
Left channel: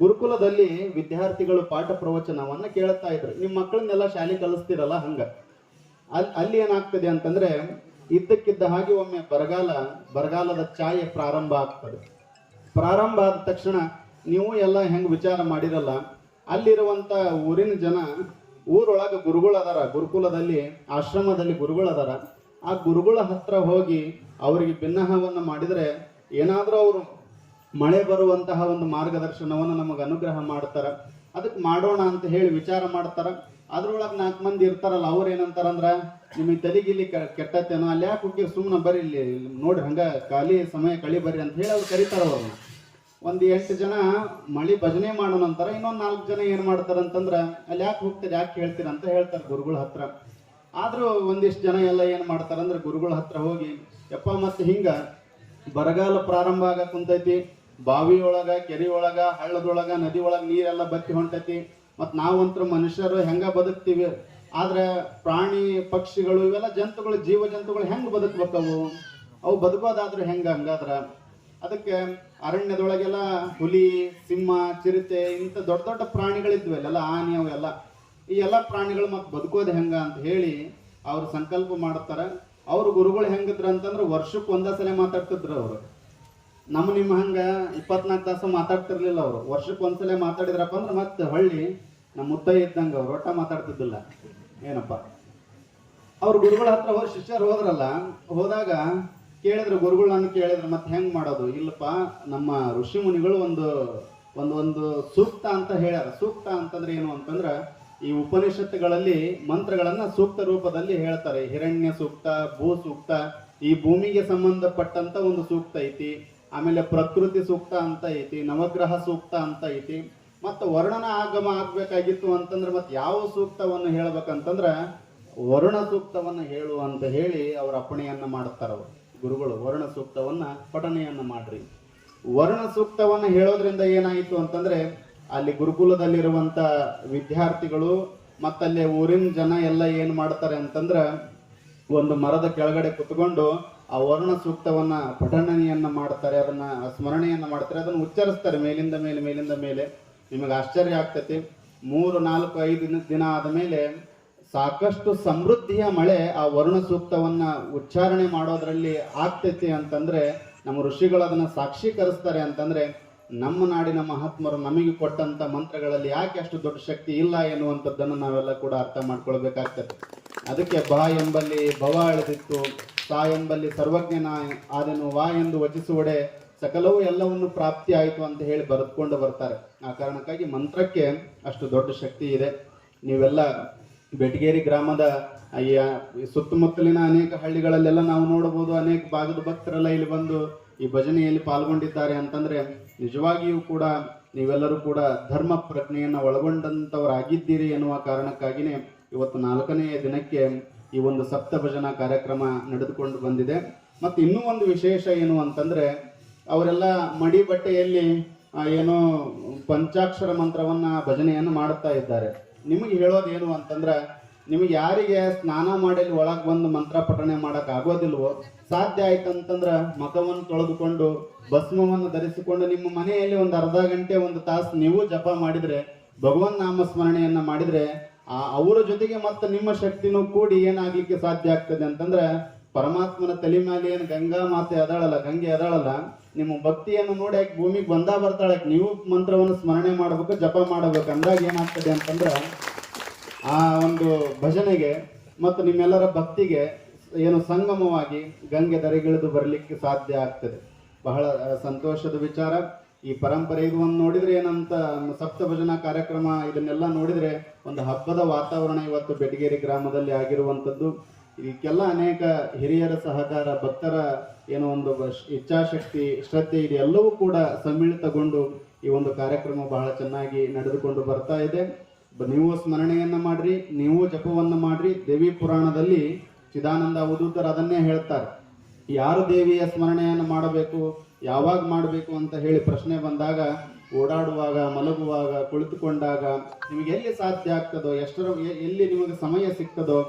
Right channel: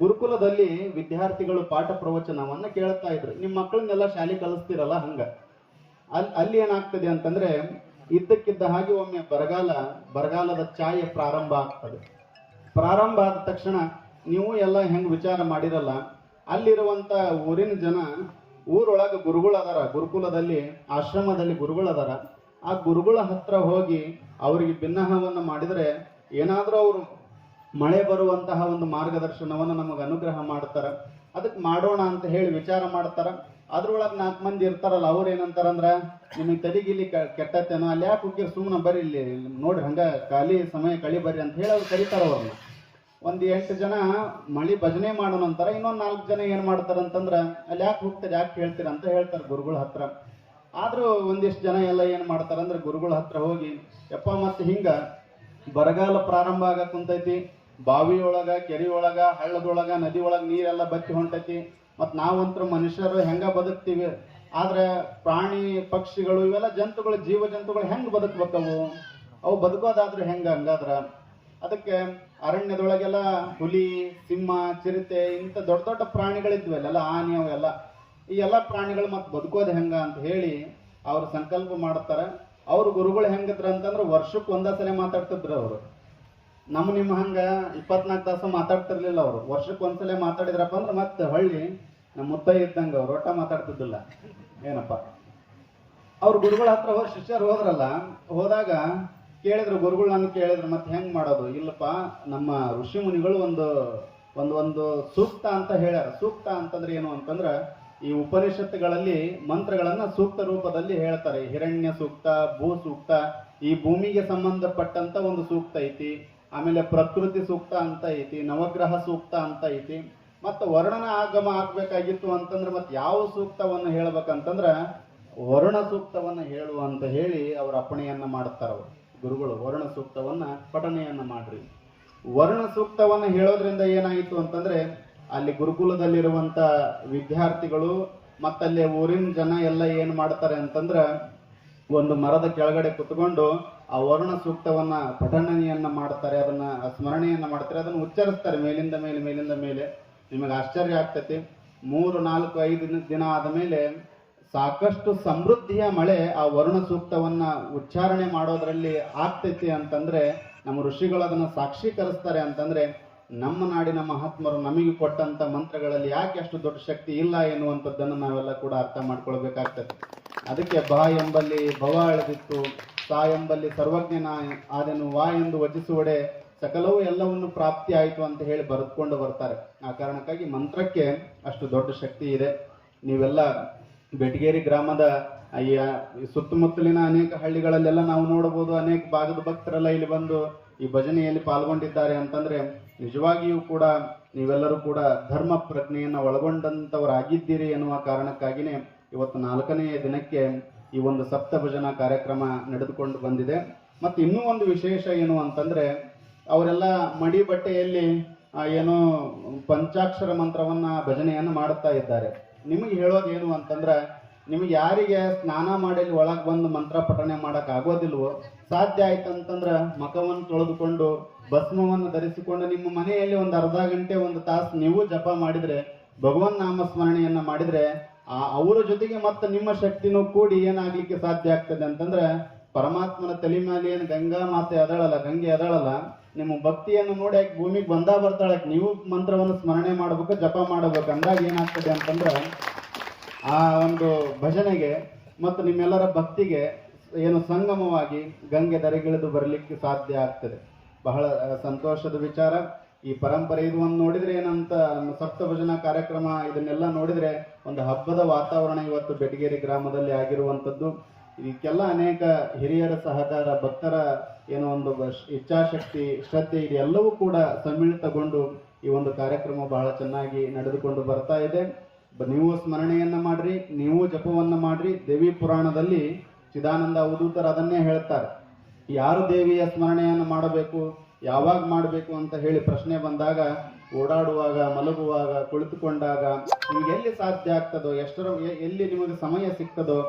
ಗುರುಕುಲದಲ್ಲಿ ವಿದ್ಯಾರ್ಥಿಗಳು ಪಾಠ ಪ್ರವಚನವನ್ನ ಕೇಳ್ತಾ ಇದ್ರು. ನಿಮ್ಮ ಮಕ್ಕಳನ್ನೆಲ್ಲ ಶಾಲೆ ಕಲಿಸ್ತಿರಲ್ಲ ಹಂಗ. ಅಲ್ಲಿ ಏನಾಗ್ತದೆ ಅಂತಂದ್ರೆ, ಇದ್ದಕ್ಕಿದ್ದ ಹಾಗೆ ಒಮ್ಮೆ ಬರಗಾಲದ ಛಾಯೆ ಪ್ರಾರಂಭ ಆಗ್ತದೆ. ಪ್ರಾರಂಭ ಆದ ತಕ್ಷಣ ನೀವು ಎಲ್ಲ ಹೆಂಗ್ ವಿಚಾರ ಮಾಡಿರಲ್ಲ, ಅಲ್ಲಿರುವಂತ ಊರಿನ ಜನ, ಊರೊಳಗ ಗುರುಗಳದಾರ, ಗುರುಕುಲದಲ್ಲಿ ಆಶ್ರಮದಲ್ಲಿ ಗುರುಗಳದಾರ. ಆ ಗುರುಗಳ ಹತ್ರ ಹೋಗಿ ಅವರಿಗೆ ಭಿನ್ನಹವನ್ನ ಮಾಡಿದ್ರೆ ಏನಾದ್ರೂ ಅವರು ಮಳೆ ಬರುವಂತಹ ಒಂದು ಮಾರ್ಗದರ್ಶನವನ್ನು ನಮಗೆ ಅನುಗ್ರಹ ಮಾಡ್ತಾರ. ಅದಕ್ಕೆ ಮಾಡೋಣ ಅಂತ ಹೇಳಿ ವಿಚಾರ ಮಾಡ್ತಾರ. ಅದ್ರೊಳಗೆ 4 ಮಂದಿ ಇರ್ತಾರಲ್ಲ, ಅವ್ರು ಏನಂತಾರಂದ್ರ, ನಿಮಗೆ ತಲೆಗಿಲಿ ಕೆಟ್ಟತ್ತೇನೋ, ಅಲ್ಲಿ ಯಾಕೆ ಹೋಗಿ ಸುಮ್ಮನೆ ಬರ್ರಿ, ಇಲ್ಲಿ ನೋಡ್ರಿ ಹಂಗ ಖಾಲಿ ಸಮಯ ಕಳಿ ಬರ್ರಿ ಅಂತ ಹೇಳಿ ಅವ್ರು ಕರೀತಾರ. ಅವ್ರನ್ನ ಒಂದು 8 ಜನ ಮಳಿ ಭಜನೆ ಮಾಡೋ ನಂತರ ಇನ್ನೊಂದು 4 ಜನ ಏನ್ ಮಾಡ್ತಾರಂತಂದ್ರ, ಅಲ್ಲಿ ಯಾಕೆ ಹೋಗ್ತಾರೆ, ಯಾಕೆ ಹೇಳ್ತೀರ ಅಂತ ಹೇಳ್ತಾರೆ ಗುರುಗಳ ಹತ್ರ. ಆದ್ರೂ ಒಂದಿಷ್ಟು ಜನ ಎಲ್ಲ ಏನ್ ಮಾಡ್ತಾರಂದ್ರೆ ಗುರುಗಳ ಹತ್ರ ಹೋಗಿ ಯಪ್ಪ ಮತ್ತೆ ಹಿಂಗ ಬರಗಾಲ ಪ್ರಾರಂಭ ಆಗಕ್ ಕುಂತೈತಿ, ಬಾವಿಯೊಳಗ ಕೆರೆಯೊಳಗ ಹಳ್ಳದೊಳಗ ನದಿ ಒಳಗ ನೀರೆಲ್ಲ ಬತ್ತಿ ಹೊಂಟೈತಿ, ಮತ್ ನಾವಂತೂ ಮನುಷ್ಯರು ಹೆಂಗ ಬದುಕ್ತಿವಿ, ಆದ್ರೆ ಪ್ರಾಣಿ ಪಕ್ಷಿಗಳು ಇವೆಲ್ಲ ಜಂತುಗಳು ಜೀವ ಜಂತುಗಳು ಹೆಂಗ್ ಬದುಕ್ಬೇಕವು, ಅವು ಬದುಕೋದಾದ್ರೂ ಹೆಂಗ ಹಂಗಾದ್ರ ಅದಕ್ಕೆ ಅರಣ್ಯದೊಳಗೆಲ್ಲ ಹುಲಿ ಸಿಂಹ ಚಿರತೆ ಇಂಥ ದೊಡ್ಡ ದೊಡ್ಡ ಪ್ರಾಣಿಗಳಿದ್ವು ಅಲ್ಲೆಲ್ಲ ಆನೆ ಅವೆಲ್ಲ ಈ ಎಲ್ಲ ಪ್ರಾಣಿಗಳು ಮತ್ತೆ ಬದುಕೋದು ಹೆಂಗ ಅಂತ ಹೇಳಿ ಅವ್ರು ಸಂಕಲ್ಪ ಮಾಡ್ತಾರೆ. ಅವ್ರ ಗುರುಗಳು ಹೆಂಗಿದ್ರ ಅಂತಂದ್ರೆ ವರ್ಷಕ್ಕೆ ಒಂದೇ ಸಲ ಮಾತಾಡ್ತಿದ್ರು ಅವರು. ನಿಮ್ಮ ಹಂಗ 24 ತಾಸು ಮಾತಾಡ್ತಿರ್ಲಿಲ್ಲ ಅವರು. ವರ್ಷಕ್ಕೆ ಒಂದ್ಸಲ ಮಾತಾಡಿದ್ರಪ್ಪ ಅಂದ್ರೆ ಮತ್ತೆ ಹಳ್ಳಿ ನಮ್ಮ ಮುತ್ತ ಇದ್ದಂಗ ಅವ್ರು ಒಟ್ಟ ಮಾತಾಡ್ತಿದ್ದಿಲ್ಲ. ಏನಪ್ಪ ಅವ್ರ ಗುರುಗಳ ಹತ್ರ ಹೋಗಿ ಶಿಷ್ಯರು ಹೋದ್ರಲ್ಲ, ಹೋದಾಗ ಕೇಳಿದ್ರು ಗುರುಗಳು ನನ್ನ ಕೇಳಿದ್ರು ಮತ್ತೆ ಹೆಂಗ್ ಮಾಡೋದು, ಇಲ್ಲಪ್ಪ ನಮ್ಮ ಋಷಿ ಮುನಿಗಳು ಒಂದು ಸೂಕ್ತ ಅಂತ ಹೇಳ್ಯಾರ. ಸೂಕ್ತ ಅಂತಂದ್ರೆ ಏನು ಅಂತಂದ್ರ ಈ ಉಪನಿಷತ್ತುಗಳಲ್ಲಿ ಮಂತ್ರಗಳನ್ನ ಸೂಕ್ತ ರೂಪದಲ್ಲಿ ಹೇಳ್ತಾರೆ. ಹಿರಣ್ಯ ಸೂಕ್ತ, ಭೂ ಸೂಕ್ತ, ಈ ಭೂಮಿಗೆ ಸಂಬಂಧಪಟ್ಟಂತ ಒಂದು ಸೂಕ್ತ ಐತಿ, ಆಮೇಲೆ ಪ್ರಕೃತಿ ಸೂಕ್ತ ಅಂತ ಐತಿ, ನವಗ್ರಹ ಸೂಕ್ತ ಅಂತ ಐತಿ, ಮತ್ತೆ ವರ್ಣನ ಆಗಮ ಆಗ್ಬೇಕಾಗಿತ್ತು ಅಂತಂದ್ರೆ ಮತ್ತೆ ಯಾವ ಸೂಕ್ತವನ್ನು ಹೇಳ್ಬೇಕಂತಂದ್ರ ವರುಣ ಸೂಕ್ತವನ್ನ ಹೇಳು ಅಂತ ಹೇಳಿ ಅವ್ರ ಅಪ್ಪಣೆಯನ್ನ ಮಾಡ್ತಾರ ಗುರುಗಳು. ವರ್ಣ ಸೂಕ್ತವನ್ನ ಪಠಣೆಯನ್ನ ಮಾಡ್ರಿ. ವರ್ಣ ಸೂಕ್ತವನ್ನ ಹೇಳೋದ್ರಿಂದ ಏನಾಯಿತು ಅಂತಂದ್ರೆ ಅಲ್ಲಿ ಗುರುಕುಲದಲ್ಲಿರುವಂತ ವಿದ್ಯಾರ್ಥಿಗಳು ಮತ್ತಲ್ಲಿ ಊರಿನ ಜನ ಎಲ್ಲ ಏನ್ ಮಾಡ್ತಾರೆ ಅಂತಂದ್ರ ಒಂದು ಮರದ ಕೆಳಗಡೆ ಕುತ್ಕೊಂಡು ಆ ವರುಣ ಸೂಕ್ತವನ್ನ ಪಠಣೆಯನ್ನ ಮಾಡ್ತಾರೆ, ಅದನ್ನ ಸ್ಮರಣೆಯನ್ನ ಮಾಡ್ತಾರೆ, ಅದನ್ನ ಉಚ್ಚರಿಸ್ತಾರೆ ಮೇಲಿಂದ ಮೇಲೆ. ನಿಮಗೆ ಆಶ್ಚರ್ಯ ಆಗ್ತೈತಿ. 3, 4, 5 ದಿನ ಆದ ಮೇಲೆ ಸಾಕಷ್ಟು ಸಮೃದ್ಧಿಯ ಮಳೆ ಆ ವರುಣ ಸೂಕ್ತವನ್ನ ಉಚ್ಚಾರಣೆ ಮಾಡೋದ್ರಲ್ಲಿ ಆಗ್ತೈತಿ ಅಂತಂದ್ರೆ ನಮ್ಮ ಋಷಿಗಳು ಅದನ್ನ ಸಾಕ್ಷೀಕರಿಸ್ತಾರೆ. ಅಂತಂದ್ರೆ ನಮ್ಮ ನಾಡಿನ ಮಹಾತ್ಮರು ನಮಗೆ ಕೊಟ್ಟಂತ ಮಂತ್ರಗಳಲ್ಲಿ ಯಾಕೆ ಅಷ್ಟು ದೊಡ್ಡ ಶಕ್ತಿ ಇಲ್ಲ ಎನ್ನುವಂಥದ್ದನ್ನು ನಾವೆಲ್ಲ ಕೂಡ ಅರ್ಥ ಮಾಡ್ಕೊಳ್ಬೇಕಾಗ್ತದೆ. ಅದಕ್ಕೆ ಬ ಎಂಬಲ್ಲಿ ಭವ ಅಳೆದಿತ್ತು, ಸಾ ಎಂಬಲ್ಲಿ ಸರ್ವಜ್ಞನ ಆದೆನು, ವಾ ಎಂದು ವಚಿಸುವಡೆ ಸಕಲವೂ ಎಲ್ಲವನ್ನು ಪ್ರಾಪ್ತಿ ಆಯಿತು ಅಂತ ಹೇಳಿ ಬರೆದುಕೊಂಡು ಬರ್ತಾರೆ. ಆ ಕಾರಣಕ್ಕಾಗಿ ಮಂತ್ರಕ್ಕೆ ಅಷ್ಟು ದೊಡ್ಡ ಶಕ್ತಿ ಇದೆ. ನೀವೆಲ್ಲ ಬೆಟಗೇರಿ ಗ್ರಾಮದ ಈ ಸುತ್ತಮುತ್ತಲಿನ ಅನೇಕ ಹಳ್ಳಿಗಳಲ್ಲೆಲ್ಲ ನಾವು ನೋಡಬಹುದು. ಅನೇಕ ಭಾಗದ ಭಕ್ತರೆಲ್ಲ ಇಲ್ಲಿ ಬಂದು ಈ ಭಜನೆಯಲ್ಲಿ ಪಾಲ್ಗೊಂಡಿದ್ದಾರೆ ಅಂತಂದ್ರೆ ನಿಜವಾಗಿಯೂ ಕೂಡ ನೀವೆಲ್ಲರೂ ಕೂಡ ಧರ್ಮ ಪ್ರಜ್ಞೆಯನ್ನು ಒಳಗೊಂಡಂತವರಾಗಿದ್ದೀರಿ ಎನ್ನುವ ಕಾರಣಕ್ಕಾಗಿನೇ ಇವತ್ತು 4ನೇ ದಿನಕ್ಕೆ ಈ ಒಂದು ಸಪ್ತ ಭಜನಾ ಕಾರ್ಯಕ್ರಮ ನಡೆದುಕೊಂಡು ಬಂದಿದೆ. ಮತ್ತೆ ಇನ್ನೂ ಒಂದು ವಿಶೇಷ ಏನು ಅಂತಂದ್ರೆ ಅವರೆಲ್ಲ ಮಡಿ ಬಟ್ಟೆಯಲ್ಲಿ ಏನು ಪಂಚಾಕ್ಷರ ಮಂತ್ರವನ್ನ ಭಜನೆಯನ್ನು ಮಾಡುತ್ತಾ ಇದ್ದಾರೆ. ನಿಮಗೆ ಹೇಳೋದೇನು ಅಂತಂದ್ರೆ ನಿಮಗೆ ಯಾರಿಗೆ ಸ್ನಾನ ಮಾಡಿ ಒಳಗೆ ಬಂದು ಮಂತ್ರ ಪಠಣೆ ಮಾಡಕ್ ಆಗೋದಿಲ್ವೋ, ಸಾಧ್ಯ ಆಯ್ತಂತಂದ್ರ ಮಖವನ್ನು ತೊಳೆದುಕೊಂಡು ಭಸ್ಮವನ್ನು ಧರಿಸಿಕೊಂಡು ನಿಮ್ಮ ಮನೆಯಲ್ಲಿ ಒಂದು ಅರ್ಧ ಗಂಟೆ 1 ತಾಸು ನೀವು ಜಪ ಮಾಡಿದ್ರೆ, ಭಗವನ್ ನಾಮ ಸ್ಮರಣೆಯನ್ನ ಮಾಡಿದ್ರೆ ಅವರ ಜೊತೆಗೆ ಮತ್ತೆ ನಿಮ್ಮ ಶಕ್ತಿನೂ ಕೂಡಿ ಏನಾಗ್ಲಿಕ್ಕೆ ಸಾಧ್ಯ ಆಗ್ತದೆ ಅಂತಂದ್ರೆ ಪರಮಾತ್ಮನ ತಲೆ ಮೇಲೆ ಏನು ಗಂಗಾ ಮಾತೆ ಅದಾಳಲ್ಲ, ಗಂಗೆ ಅದಾಳಲ್ಲ, ನಿಮ್ಮ ಭಕ್ತಿಯನ್ನು ನೋಡಿ ಯಾಕೆ ಭೂಮಿಗೆ ಬಂದಾ ಬರ್ತಾಳೆ, ನೀವು ಮಂತ್ರವನ್ನು ಸ್ಮರಣೆ ಮಾಡಬೇಕು, ಜಪ ಮಾಡಬೇಕು. ಅಂದಾಗ ಏನಾಗ್ತದೆ ಅಂತಂದ್ರೆ ಆ ಒಂದು ಭಜನೆಗೆ ಮತ್ತು ನಿಮ್ಮೆಲ್ಲರ ಭಕ್ತಿಗೆ ಏನು ಸಂಗಮವಾಗಿ ಗಂಗೆ ಧರೆಗಿಳಿದು ಬರಲಿಕ್ಕೆ ಸಾಧ್ಯ ಆಗ್ತದೆ. ಬಹಳ ಸಂತೋಷದ ವಿಚಾರ. ಈ ಪರಂಪರೆ ಇದನ್ನು ನೋಡಿದ್ರೆ ಏನಂತ ಸಪ್ತ ಭಜನಾ ಕಾರ್ಯಕ್ರಮ ಇದನ್ನೆಲ್ಲ ನೋಡಿದ್ರೆ ಒಂದು ಹಬ್ಬದ ವಾತಾವರಣ ಇವತ್ತು ಬೆಟಗೇರಿ ಗ್ರಾಮದಲ್ಲಿ ಆಗಿರುವಂಥದ್ದು. ಇದಕ್ಕೆಲ್ಲ ಅನೇಕ ಹಿರಿಯರ ಸಹಕಾರ, ಭಕ್ತರ ಏನೋ ಒಂದು ಇಚ್ಛಾಶಕ್ತಿ, ಶ್ರದ್ಧೆ ಇದೆಲ್ಲವೂ ಕೂಡ ಸಮ್ಮಿಳಿತಗೊಂಡು ಈ ಒಂದು ಕಾರ್ಯಕ್ರಮ ಬಹಳ ಚೆನ್ನಾಗಿ ನಡೆದುಕೊಂಡು ಬರ್ತಾ ಇದೆ. ನೀವು ಸ್ಮರಣೆಯನ್ನ ಮಾಡ್ರಿ, ನೀವು ಜಪವನ್ನ ಮಾಡ್ರಿ. ದೇವಿ ಪುರಾಣದಲ್ಲಿ ಚಿದಾನಂದ ಅವಧೂತರು ಅದನ್ನೇ ಹೇಳ್ತಾರೆ. ಯಾರು ದೇವಿಯ ಸ್ಮರಣೆಯನ್ನು ಮಾಡಬೇಕು, ಯಾವಾಗ ಮಾಡಬೇಕು ಅಂತ ಹೇಳಿ ಪ್ರಶ್ನೆ ಬಂದಾಗ ಓಡಾಡುವಾಗ, ಮಲಗುವಾಗ, ಕುಳಿತುಕೊಂಡಾಗ ನಿಮಗೆ ಎಲ್ಲಿ ಸಾಧ್ಯ ಆಗ್ತದೋ, ಎಲ್ಲಿ ನಿಮಗೆ ಸಮಯ ಸಿಗ್ತದೋ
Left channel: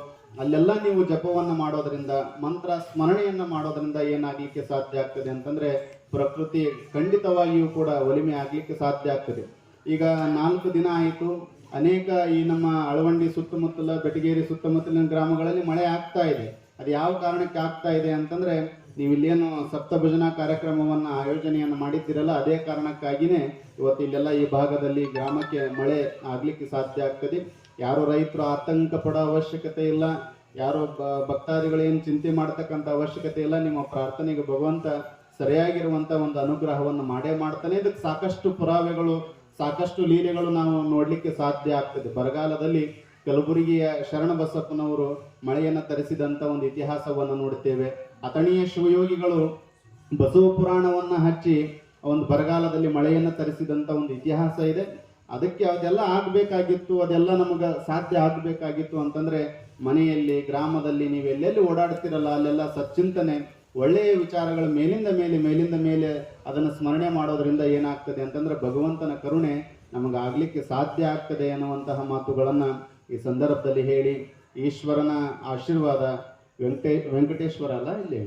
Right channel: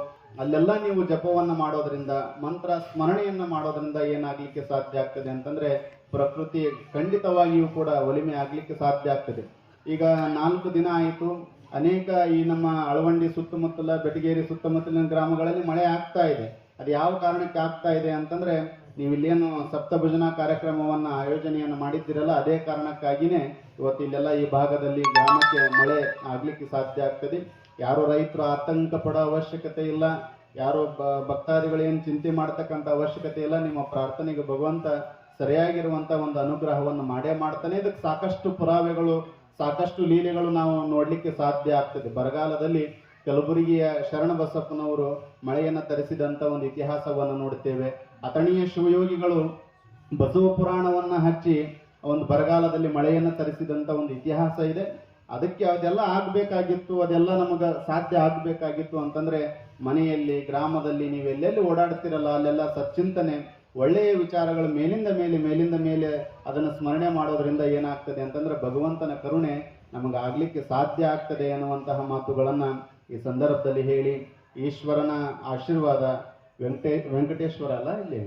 ಅಲ್ಲೆಲ್ಲ ನೀವು ಜಪವನ್ನ ಮಾಡೋದ್ರಿಂದ, ಮಂತ್ರ ಸ್ಮರಣೆಯನ್ನ ಮಾಡೋದ್ರಿಂದ ಏನಾಗ್ಲಿಕ್ಕೆ ಸಾಧ್ಯ ಆಗ್ತದೆ ಅಂತಂದ್ರೆ ಪ್ರಕೃತಿ ಖಂಡಿತವಾಗಿಯೂ ಕೂಡ ಒಲಿಮೆ ಆಗ್ಲಿಕ್ಕೆ ಸಾಧ್ಯ ಆಗ್ತದೆ. ಈಗ 4 ದಿನ ಆಯಿತು, ಅನೇಕ ಈ ನಮ್ಮ ಅಳವಂಡಿ ಸುತ್ತಮುತ್ತಲ, ಬೆಟಗೇರಿ ಸುತ್ತಮುತ್ತಲಿನ ಗ್ರಾಮಗಳಲ್ಲಿ ಮಳೆ ಆಗ್ತಾ ಇದೆ. ಅದು ಯಾವ ಕಾರಣಕ್ಕೆ ಆಗ್ತಾ ಇದೆ ಅಂತಂದ್ರೆ ನೀವು ಇಲ್ಲೇನು ಸಪ್ತ ಭಜನಾ ಕಾರ್ಯಕ್ರಮವನ್ನ ಆಯೋಜನೆಯನ್ನು ಮಾಡಿದ್ದೀರಲ್ಲ, ಅದೇ ಕಾರಣಕ್ಕಾಗಿನೇ ಇವತ್ತು ಇಲ್ಲೆಲ್ಲ ಈ ಭಾಗದಲ್ಲಿ ಗ್ರಾಮಕ್ಕೆ ಮಳೆ ಆಗ್ಲಿಕ್ಕೆ ಸಾಧ್ಯ ಆಗ್ತದೆ. ಯಾರು ರೈತರು ಆತಂಕ ಪಡೋ ಅವಶ್ಯಕತೆ ಇಲ್ಲ, ಯಾರು ಭಕ್ತಾದಿಗಳೇನು ಚಿಂತೆ ಮಾಡ್ತಕ್ಕಂಥ ಅವಶ್ಯಕತೆ ಇಲ್ಲ. ನಿಮ್ಮ ಪ್ರಾರ್ಥನೆಗೆ ಭಗವಂತ ಸರಿಯಾಗಿರುವಂತ ಒಂದು ಅನುಗ್ರಹವನ್ನು ಮಾಡೇ ಮಾಡ್ತಾನೆ. ಇದಕ್ಕೆ ಸಾಕಷ್ಟು ಪುರಾವೆಗಳು, ಸಾಕಷ್ಟು ಲೀಲೆಗಳು ನಾವು ನೋಡ್ಲಿಕ್ಕೆ ಸಾಧ್ಯ ಆಗ್ತದೆ. ಬರಗಾಲದಲ್ಲಿ ಕಲಬುರಗಿಯ ಶರಣ ಬಸಪ್ಪನವರು ಮಳೆಯನ್ನು ತರಿಸಿದಂತ ಒಂದು ಇತಿಹಾಸವನ್ನು ನೋಡುತ್ತೇವೆ. ಅಥಣಿಯ ಶಿವಯೋಗಿಗಳು ಬಸವ ಪುರಾಣವನ್ನ ಹಚ್ಚಿ ಒಂದು ಬರಗಾಲದಲ್ಲಿ ಮಳೆಯನ್ನು ತರಿಸಿದಂತ ಒಂದು ಇತಿಹಾಸ ಇದೆ. ಅದಕ್ಕೆ ಅದೆಲ್ಲ ಆಗಬೇಕಾಗಿತ್ತು, ಅದೆಲ್ಲ ನಮಗೆ ಸಾಧ್ಯ ಆಗಬೇಕಾಗಿತ್ತು ಅಂತಂದ್ರೆ ಮನೆಯಲ್ಲಿ, ಗ್ರಾಮದಲ್ಲಿ ನೀವು ಎಲ್ಲೆಲ್ಲಿ ಓಡಾಡ್ತಿರಲ್ಲ ಅಲ್ಲೆಲ್ಲ ಸಚ್ಚಿಂತನೆ, ಒಳ್ಳೆಯ ವಿಚಾರಗಳು ಮೇಲಿಂದ ಮೇಲೆ ಅದನ್ನು ಸ್ಮರಣೆ ಮಾಡೋದ್ರಿಂದ ಏನಾಗ್ತದೆ ಅಂತಂದ್ರೆ ಭಗವಂತನ ಕರುಣೆ ನಮಗೆ ಆಗ್ಲಿಕ್ಕೆ ಸಾಧ್ಯ ಆಗ್ತದೆ ಅನ್ನುವಂತಹ ಮಾತುಗಳನ್ನ ಈ ಸಂದರ್ಭದಲ್ಲಿ ಹೇಳಿ, ಈಶ್ವರನ ಆಶೀರ್ವಾದ, ವೆಂಕಟೇಶ್ವರ ಅಲ್ಲ ಇಲ್ಲಿ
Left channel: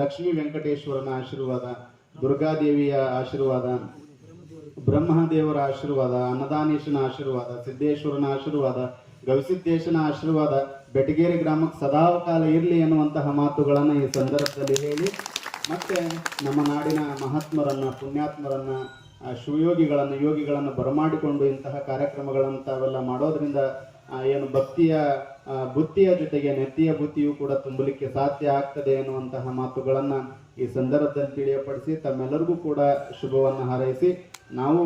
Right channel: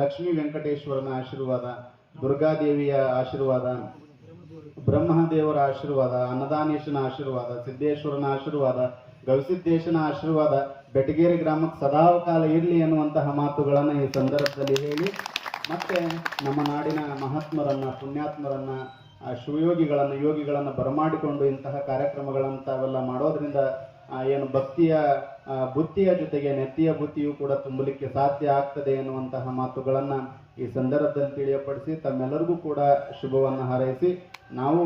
ಲಕ್ಷ್ಮೀ ವೆಂಕಟೇಶ್ವರನ ಆಶೀರ್ವಾದ, ದುರ್ಗಾದೇವಿಯ ಆಶೀರ್ವಾದ, ಬ್ರಹ್ಮದೇವರ ಆಶೀರ್ವಾದ, ಅನ್ನದಾನೇಶನ ಆಶೀರ್ವಾದ, ಸಿದ್ದೇಶ್ವರನ ಆಶೀರ್ವಾದ, ಗವಿಸಿದ್ದೇಶನ ಆಶೀರ್ವಾದ ಬೆಟಗೇರಿ ಗ್ರಾಮಕ್ಕೆ ಸದಾಕಾಲ ಇರಲಿ ಎನ್ನುವಂತಹ ಮಾತುಗಳನ್ನು ಈ ಸಂದರ್ಭದಲ್ಲಿ ಹೇಳಿ, ಮತ್ತೆ ನಮ್ಮ ನಾಡಿನ ಮಹಾತ್ಮರನ್ನ, ಪುಣ್ಯಾತ್ಮರನ್ನ, ಶಿವಯೋಗಿಗಳನ್ನು, ಯೋಗಿಗಳನ್ನು ಬರಮಾಡಿಕೊಂಡು ಇಂತಹ ಕಾರ್ಯಕ್ರಮಗಳನ್ನು ತಾವೆಲ್ಲ ಮಾಡೋದ್ರಿಂದ ಏನು ಭಕ್ತಿಯ ಬುದ್ಧಿಯ ಜೊತೆಗೆ ನೆತ್ತಿಯ ಬುದ್ಧಿಯು ಕೂಡ ತುಂಬಲಿಕ್ಕೆ ಸಾಧ್ಯ ಆಗ್ತದೆ ಎನ್ನುವಂತಹ ಮಾತುಗಳನ್ನು ಈ ಸಂದರ್ಭದಲ್ಲಿ ತಿಳಿಯಪಡಿಸಿ ತಮ್ಮೆಲ್ಲರಿಗೂ ಕೂಡ ಶುಭವನ್ನು ಹಾರೈಸಿ, ನಾವು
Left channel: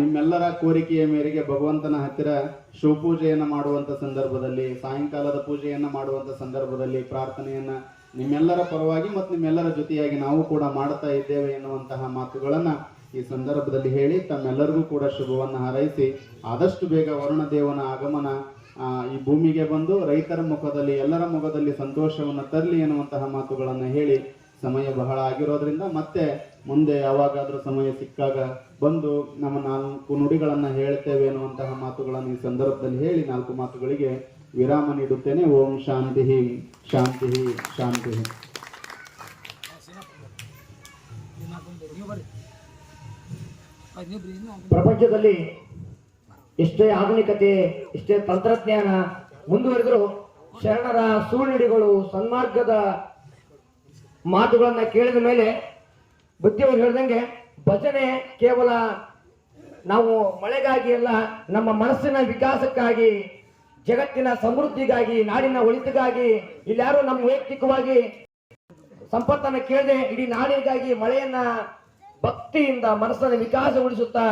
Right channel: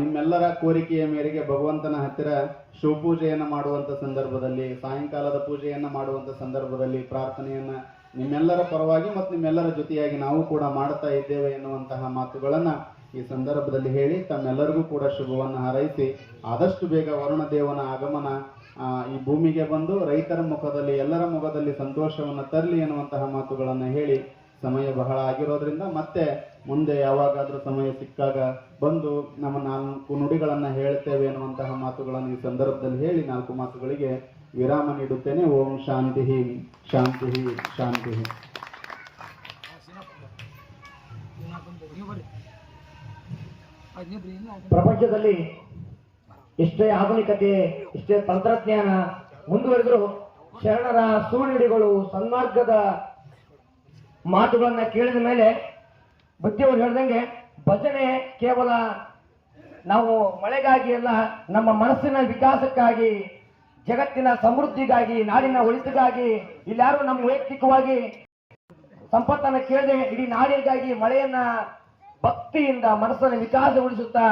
ನಿಮ್ಮೆಲ್ಲರ ಕೋರಿಕೆಯ ಮೇರೆಗೆ ಭಗವಂತನ ಹತ್ತಿರ ಶಿವಪೂಜೆಯನ್ನು ಮಾಡುವಂಥ ಸಂದರ್ಭದಲ್ಲಿ, ಸಾಯಂಕಾಲದ ಪೂಜೆಯನ್ನು ಮಾಡುವಂಥ ಸಂದರ್ಭದಲ್ಲಿ ಪ್ರಾರ್ಥನೆಯನ್ನು ನಿಮ್ಮೆಲ್ಲರ ಪರವಾಗಿ ಮತ್ತು ನಿಮ್ಮೆಲ್ಲರ ಜೊತೆಯಾಗಿ ನಾವು ಕೂಡ ಮಾಡ್ತಾ ಇದ್ದೇವೆ ಎನ್ನುವಂತಹ ಮಾತುಗಳನ್ನು ಈ ಸಂದರ್ಭದಲ್ಲಿ ಹೇಳಿ ತಮ್ಮೆಲ್ಲರಿಗೂ ಕೂಡ ಶುಭವನ್ನು ಹಾರೈಸಿ, ಆದಷ್ಟು ಬೇಗ ವರುಣದೇವನ ಆಗಮನ ಈ ಭೂಮಿಗೆ ಬಂದು ರೈತರ ಮುಖದಲ್ಲಿ, ಎಲ್ಲರ ಮುಖದಲ್ಲಿ ಸಂತೋಷವನ್ನು ತರಲಿ ಎನ್ನುವಂತಹ ಮಾತುಗಳನ್ನು ಹೇಳಿ, ಸಮಯ ಬಹಳ ಆಗಿರೋದ್ರಿಂದ ಮತ್ತೆ ಮುಂದೆ ಯಾವಾಗಾದ್ರೂ ಸಮಯ ಸಿಕ್ಕಾಗ ಬಂದು ನಮ್ಮ 4 ನುಡಿಗಳನ್ನು ಹೇಳ್ತೇವೆ ಎನ್ನುವಂತಹ ಮಾತುಗಳನ್ನು ಈ ಸಂದರ್ಭದಲ್ಲಿ ಹೇಳಿ 4 ಮಾತುಗಳಿಗೆ ವಿರಾಮ ನೀಡುತ್ತೇನೆ. ಓಂ ಶಾಂತಿ ಶಾಂತಿ ಶಾಂತಿ. ಪ್ರಪಂಚದಲ್ಲಿ ಎಷ್ಟೇ ಆಧುನಿಕತೆ, ಎಷ್ಟೇ ತಂತ್ರಜ್ಞಾನ ಮುಂದುವರೆದರೂ ಶರಣರ ಸುಳ್ಳುಡಿಗಳು, ಸನ್ಮಾರ್ಗದ ಮಾತುಗಳನ್ನ ಕೇಳಿದ ಮೇಲೆ ಬುದ್ಧಿಯವರು ಹೇಳ್ದಂಗೆ ಭಜನೆ ಕೇವಲ ನಾವು ಮಳೆಗಾಗಿ ಅಲ್ಲ, ನಮ್ಮ ಮನಸ್ಸಿನ ವಿಕಾಸಕ್ಕಾಗಿ, ಜಗತ್ತಿನ ಸಮೃದ್ಧಿಗಾಗಿ, ನಾಡಿನ ಒಳಿತಿಗಾಗಿ, ಇಲ್ಲಾರು ನಮ್ಮ ವೈಯಕ್ತಿಕವಾಗಿ ಸಂಪತ್ತನ್ನು ಕೇಳದೆ ಇಡೀ ನಾಡಿಗಾಗಿ ಮಳೆಯನ್ನ ಭಕ್ತಿಯಿಂದ ಮನಸ್ಸನ್ನು ವಿಕಾಸಗೊಳಿಸುತ್ತಾ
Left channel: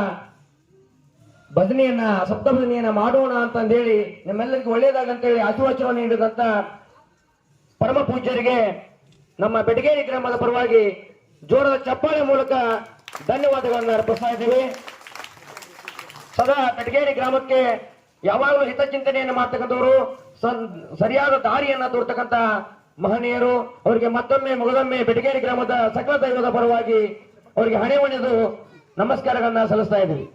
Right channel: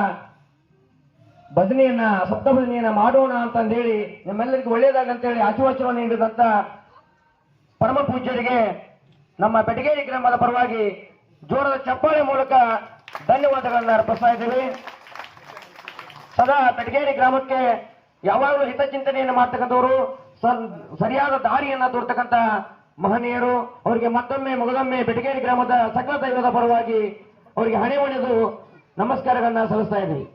ಭಜನೆಯನ್ನ, ಸಪ್ತ ಭಜನೆಯನ್ನ ಮಾಡೋಣ ಅಂತಂದೇಳಿ ನಮ್ಮೆಲ್ಲರಿಗೂ ಒಳ್ಳೆಯದಾಗ ಅಂತೇಳಿ ಆಶೀರ್ವಚನವನ್ನು ನೀಡಿದಂತ ಪರಮ ಪೂಜ್ಯರಿಗೆ ನಮ್ಮ ಬೆಟಗೇರಿ ಗ್ರಾಮದ ಪರವಾಗಿ ಜೋರದ ಚಪ್ಪಾಳೆ ಮೂಲಕ ಧನ್ಯವಾದಗಳನ್ನು ಅರ್ಪಿಸ್ತಾ ಇದ್ದೇವೆ. ಸದಾ ಬೆಟಗೇರಿ ಗ್ರಾಮಕ್ಕೆ ಯಾವಾಗಲೂ ಹಿತಚಿಂತನೆಯನ್ನು ಮಾಡ್ತಕ್ಕಂಥವರು, ಸರಿಯಾದ ದಾರಿಯನ್ನ ತೋರ್ತಕ್ಕಂಥ ಮಹನೀಯರು, ಅವರಿಗೆ ಮತ್ತೊಮ್ಮೆ ಮೊದಲೊಮ್ಮೆ ಬೆಟಗೇರಿ ಗ್ರಾಮದ ಸಕಲ ದೈವದ ಪರವಾಗಿ ಅವರಿಗೆ ಹಣೆ ಹೊಡೆದು ನಮಸ್ಕಾರಗಳನ್ನ ಸಲ್ಲಿಸ್ತಾ ಇದ್ದೀವಿ.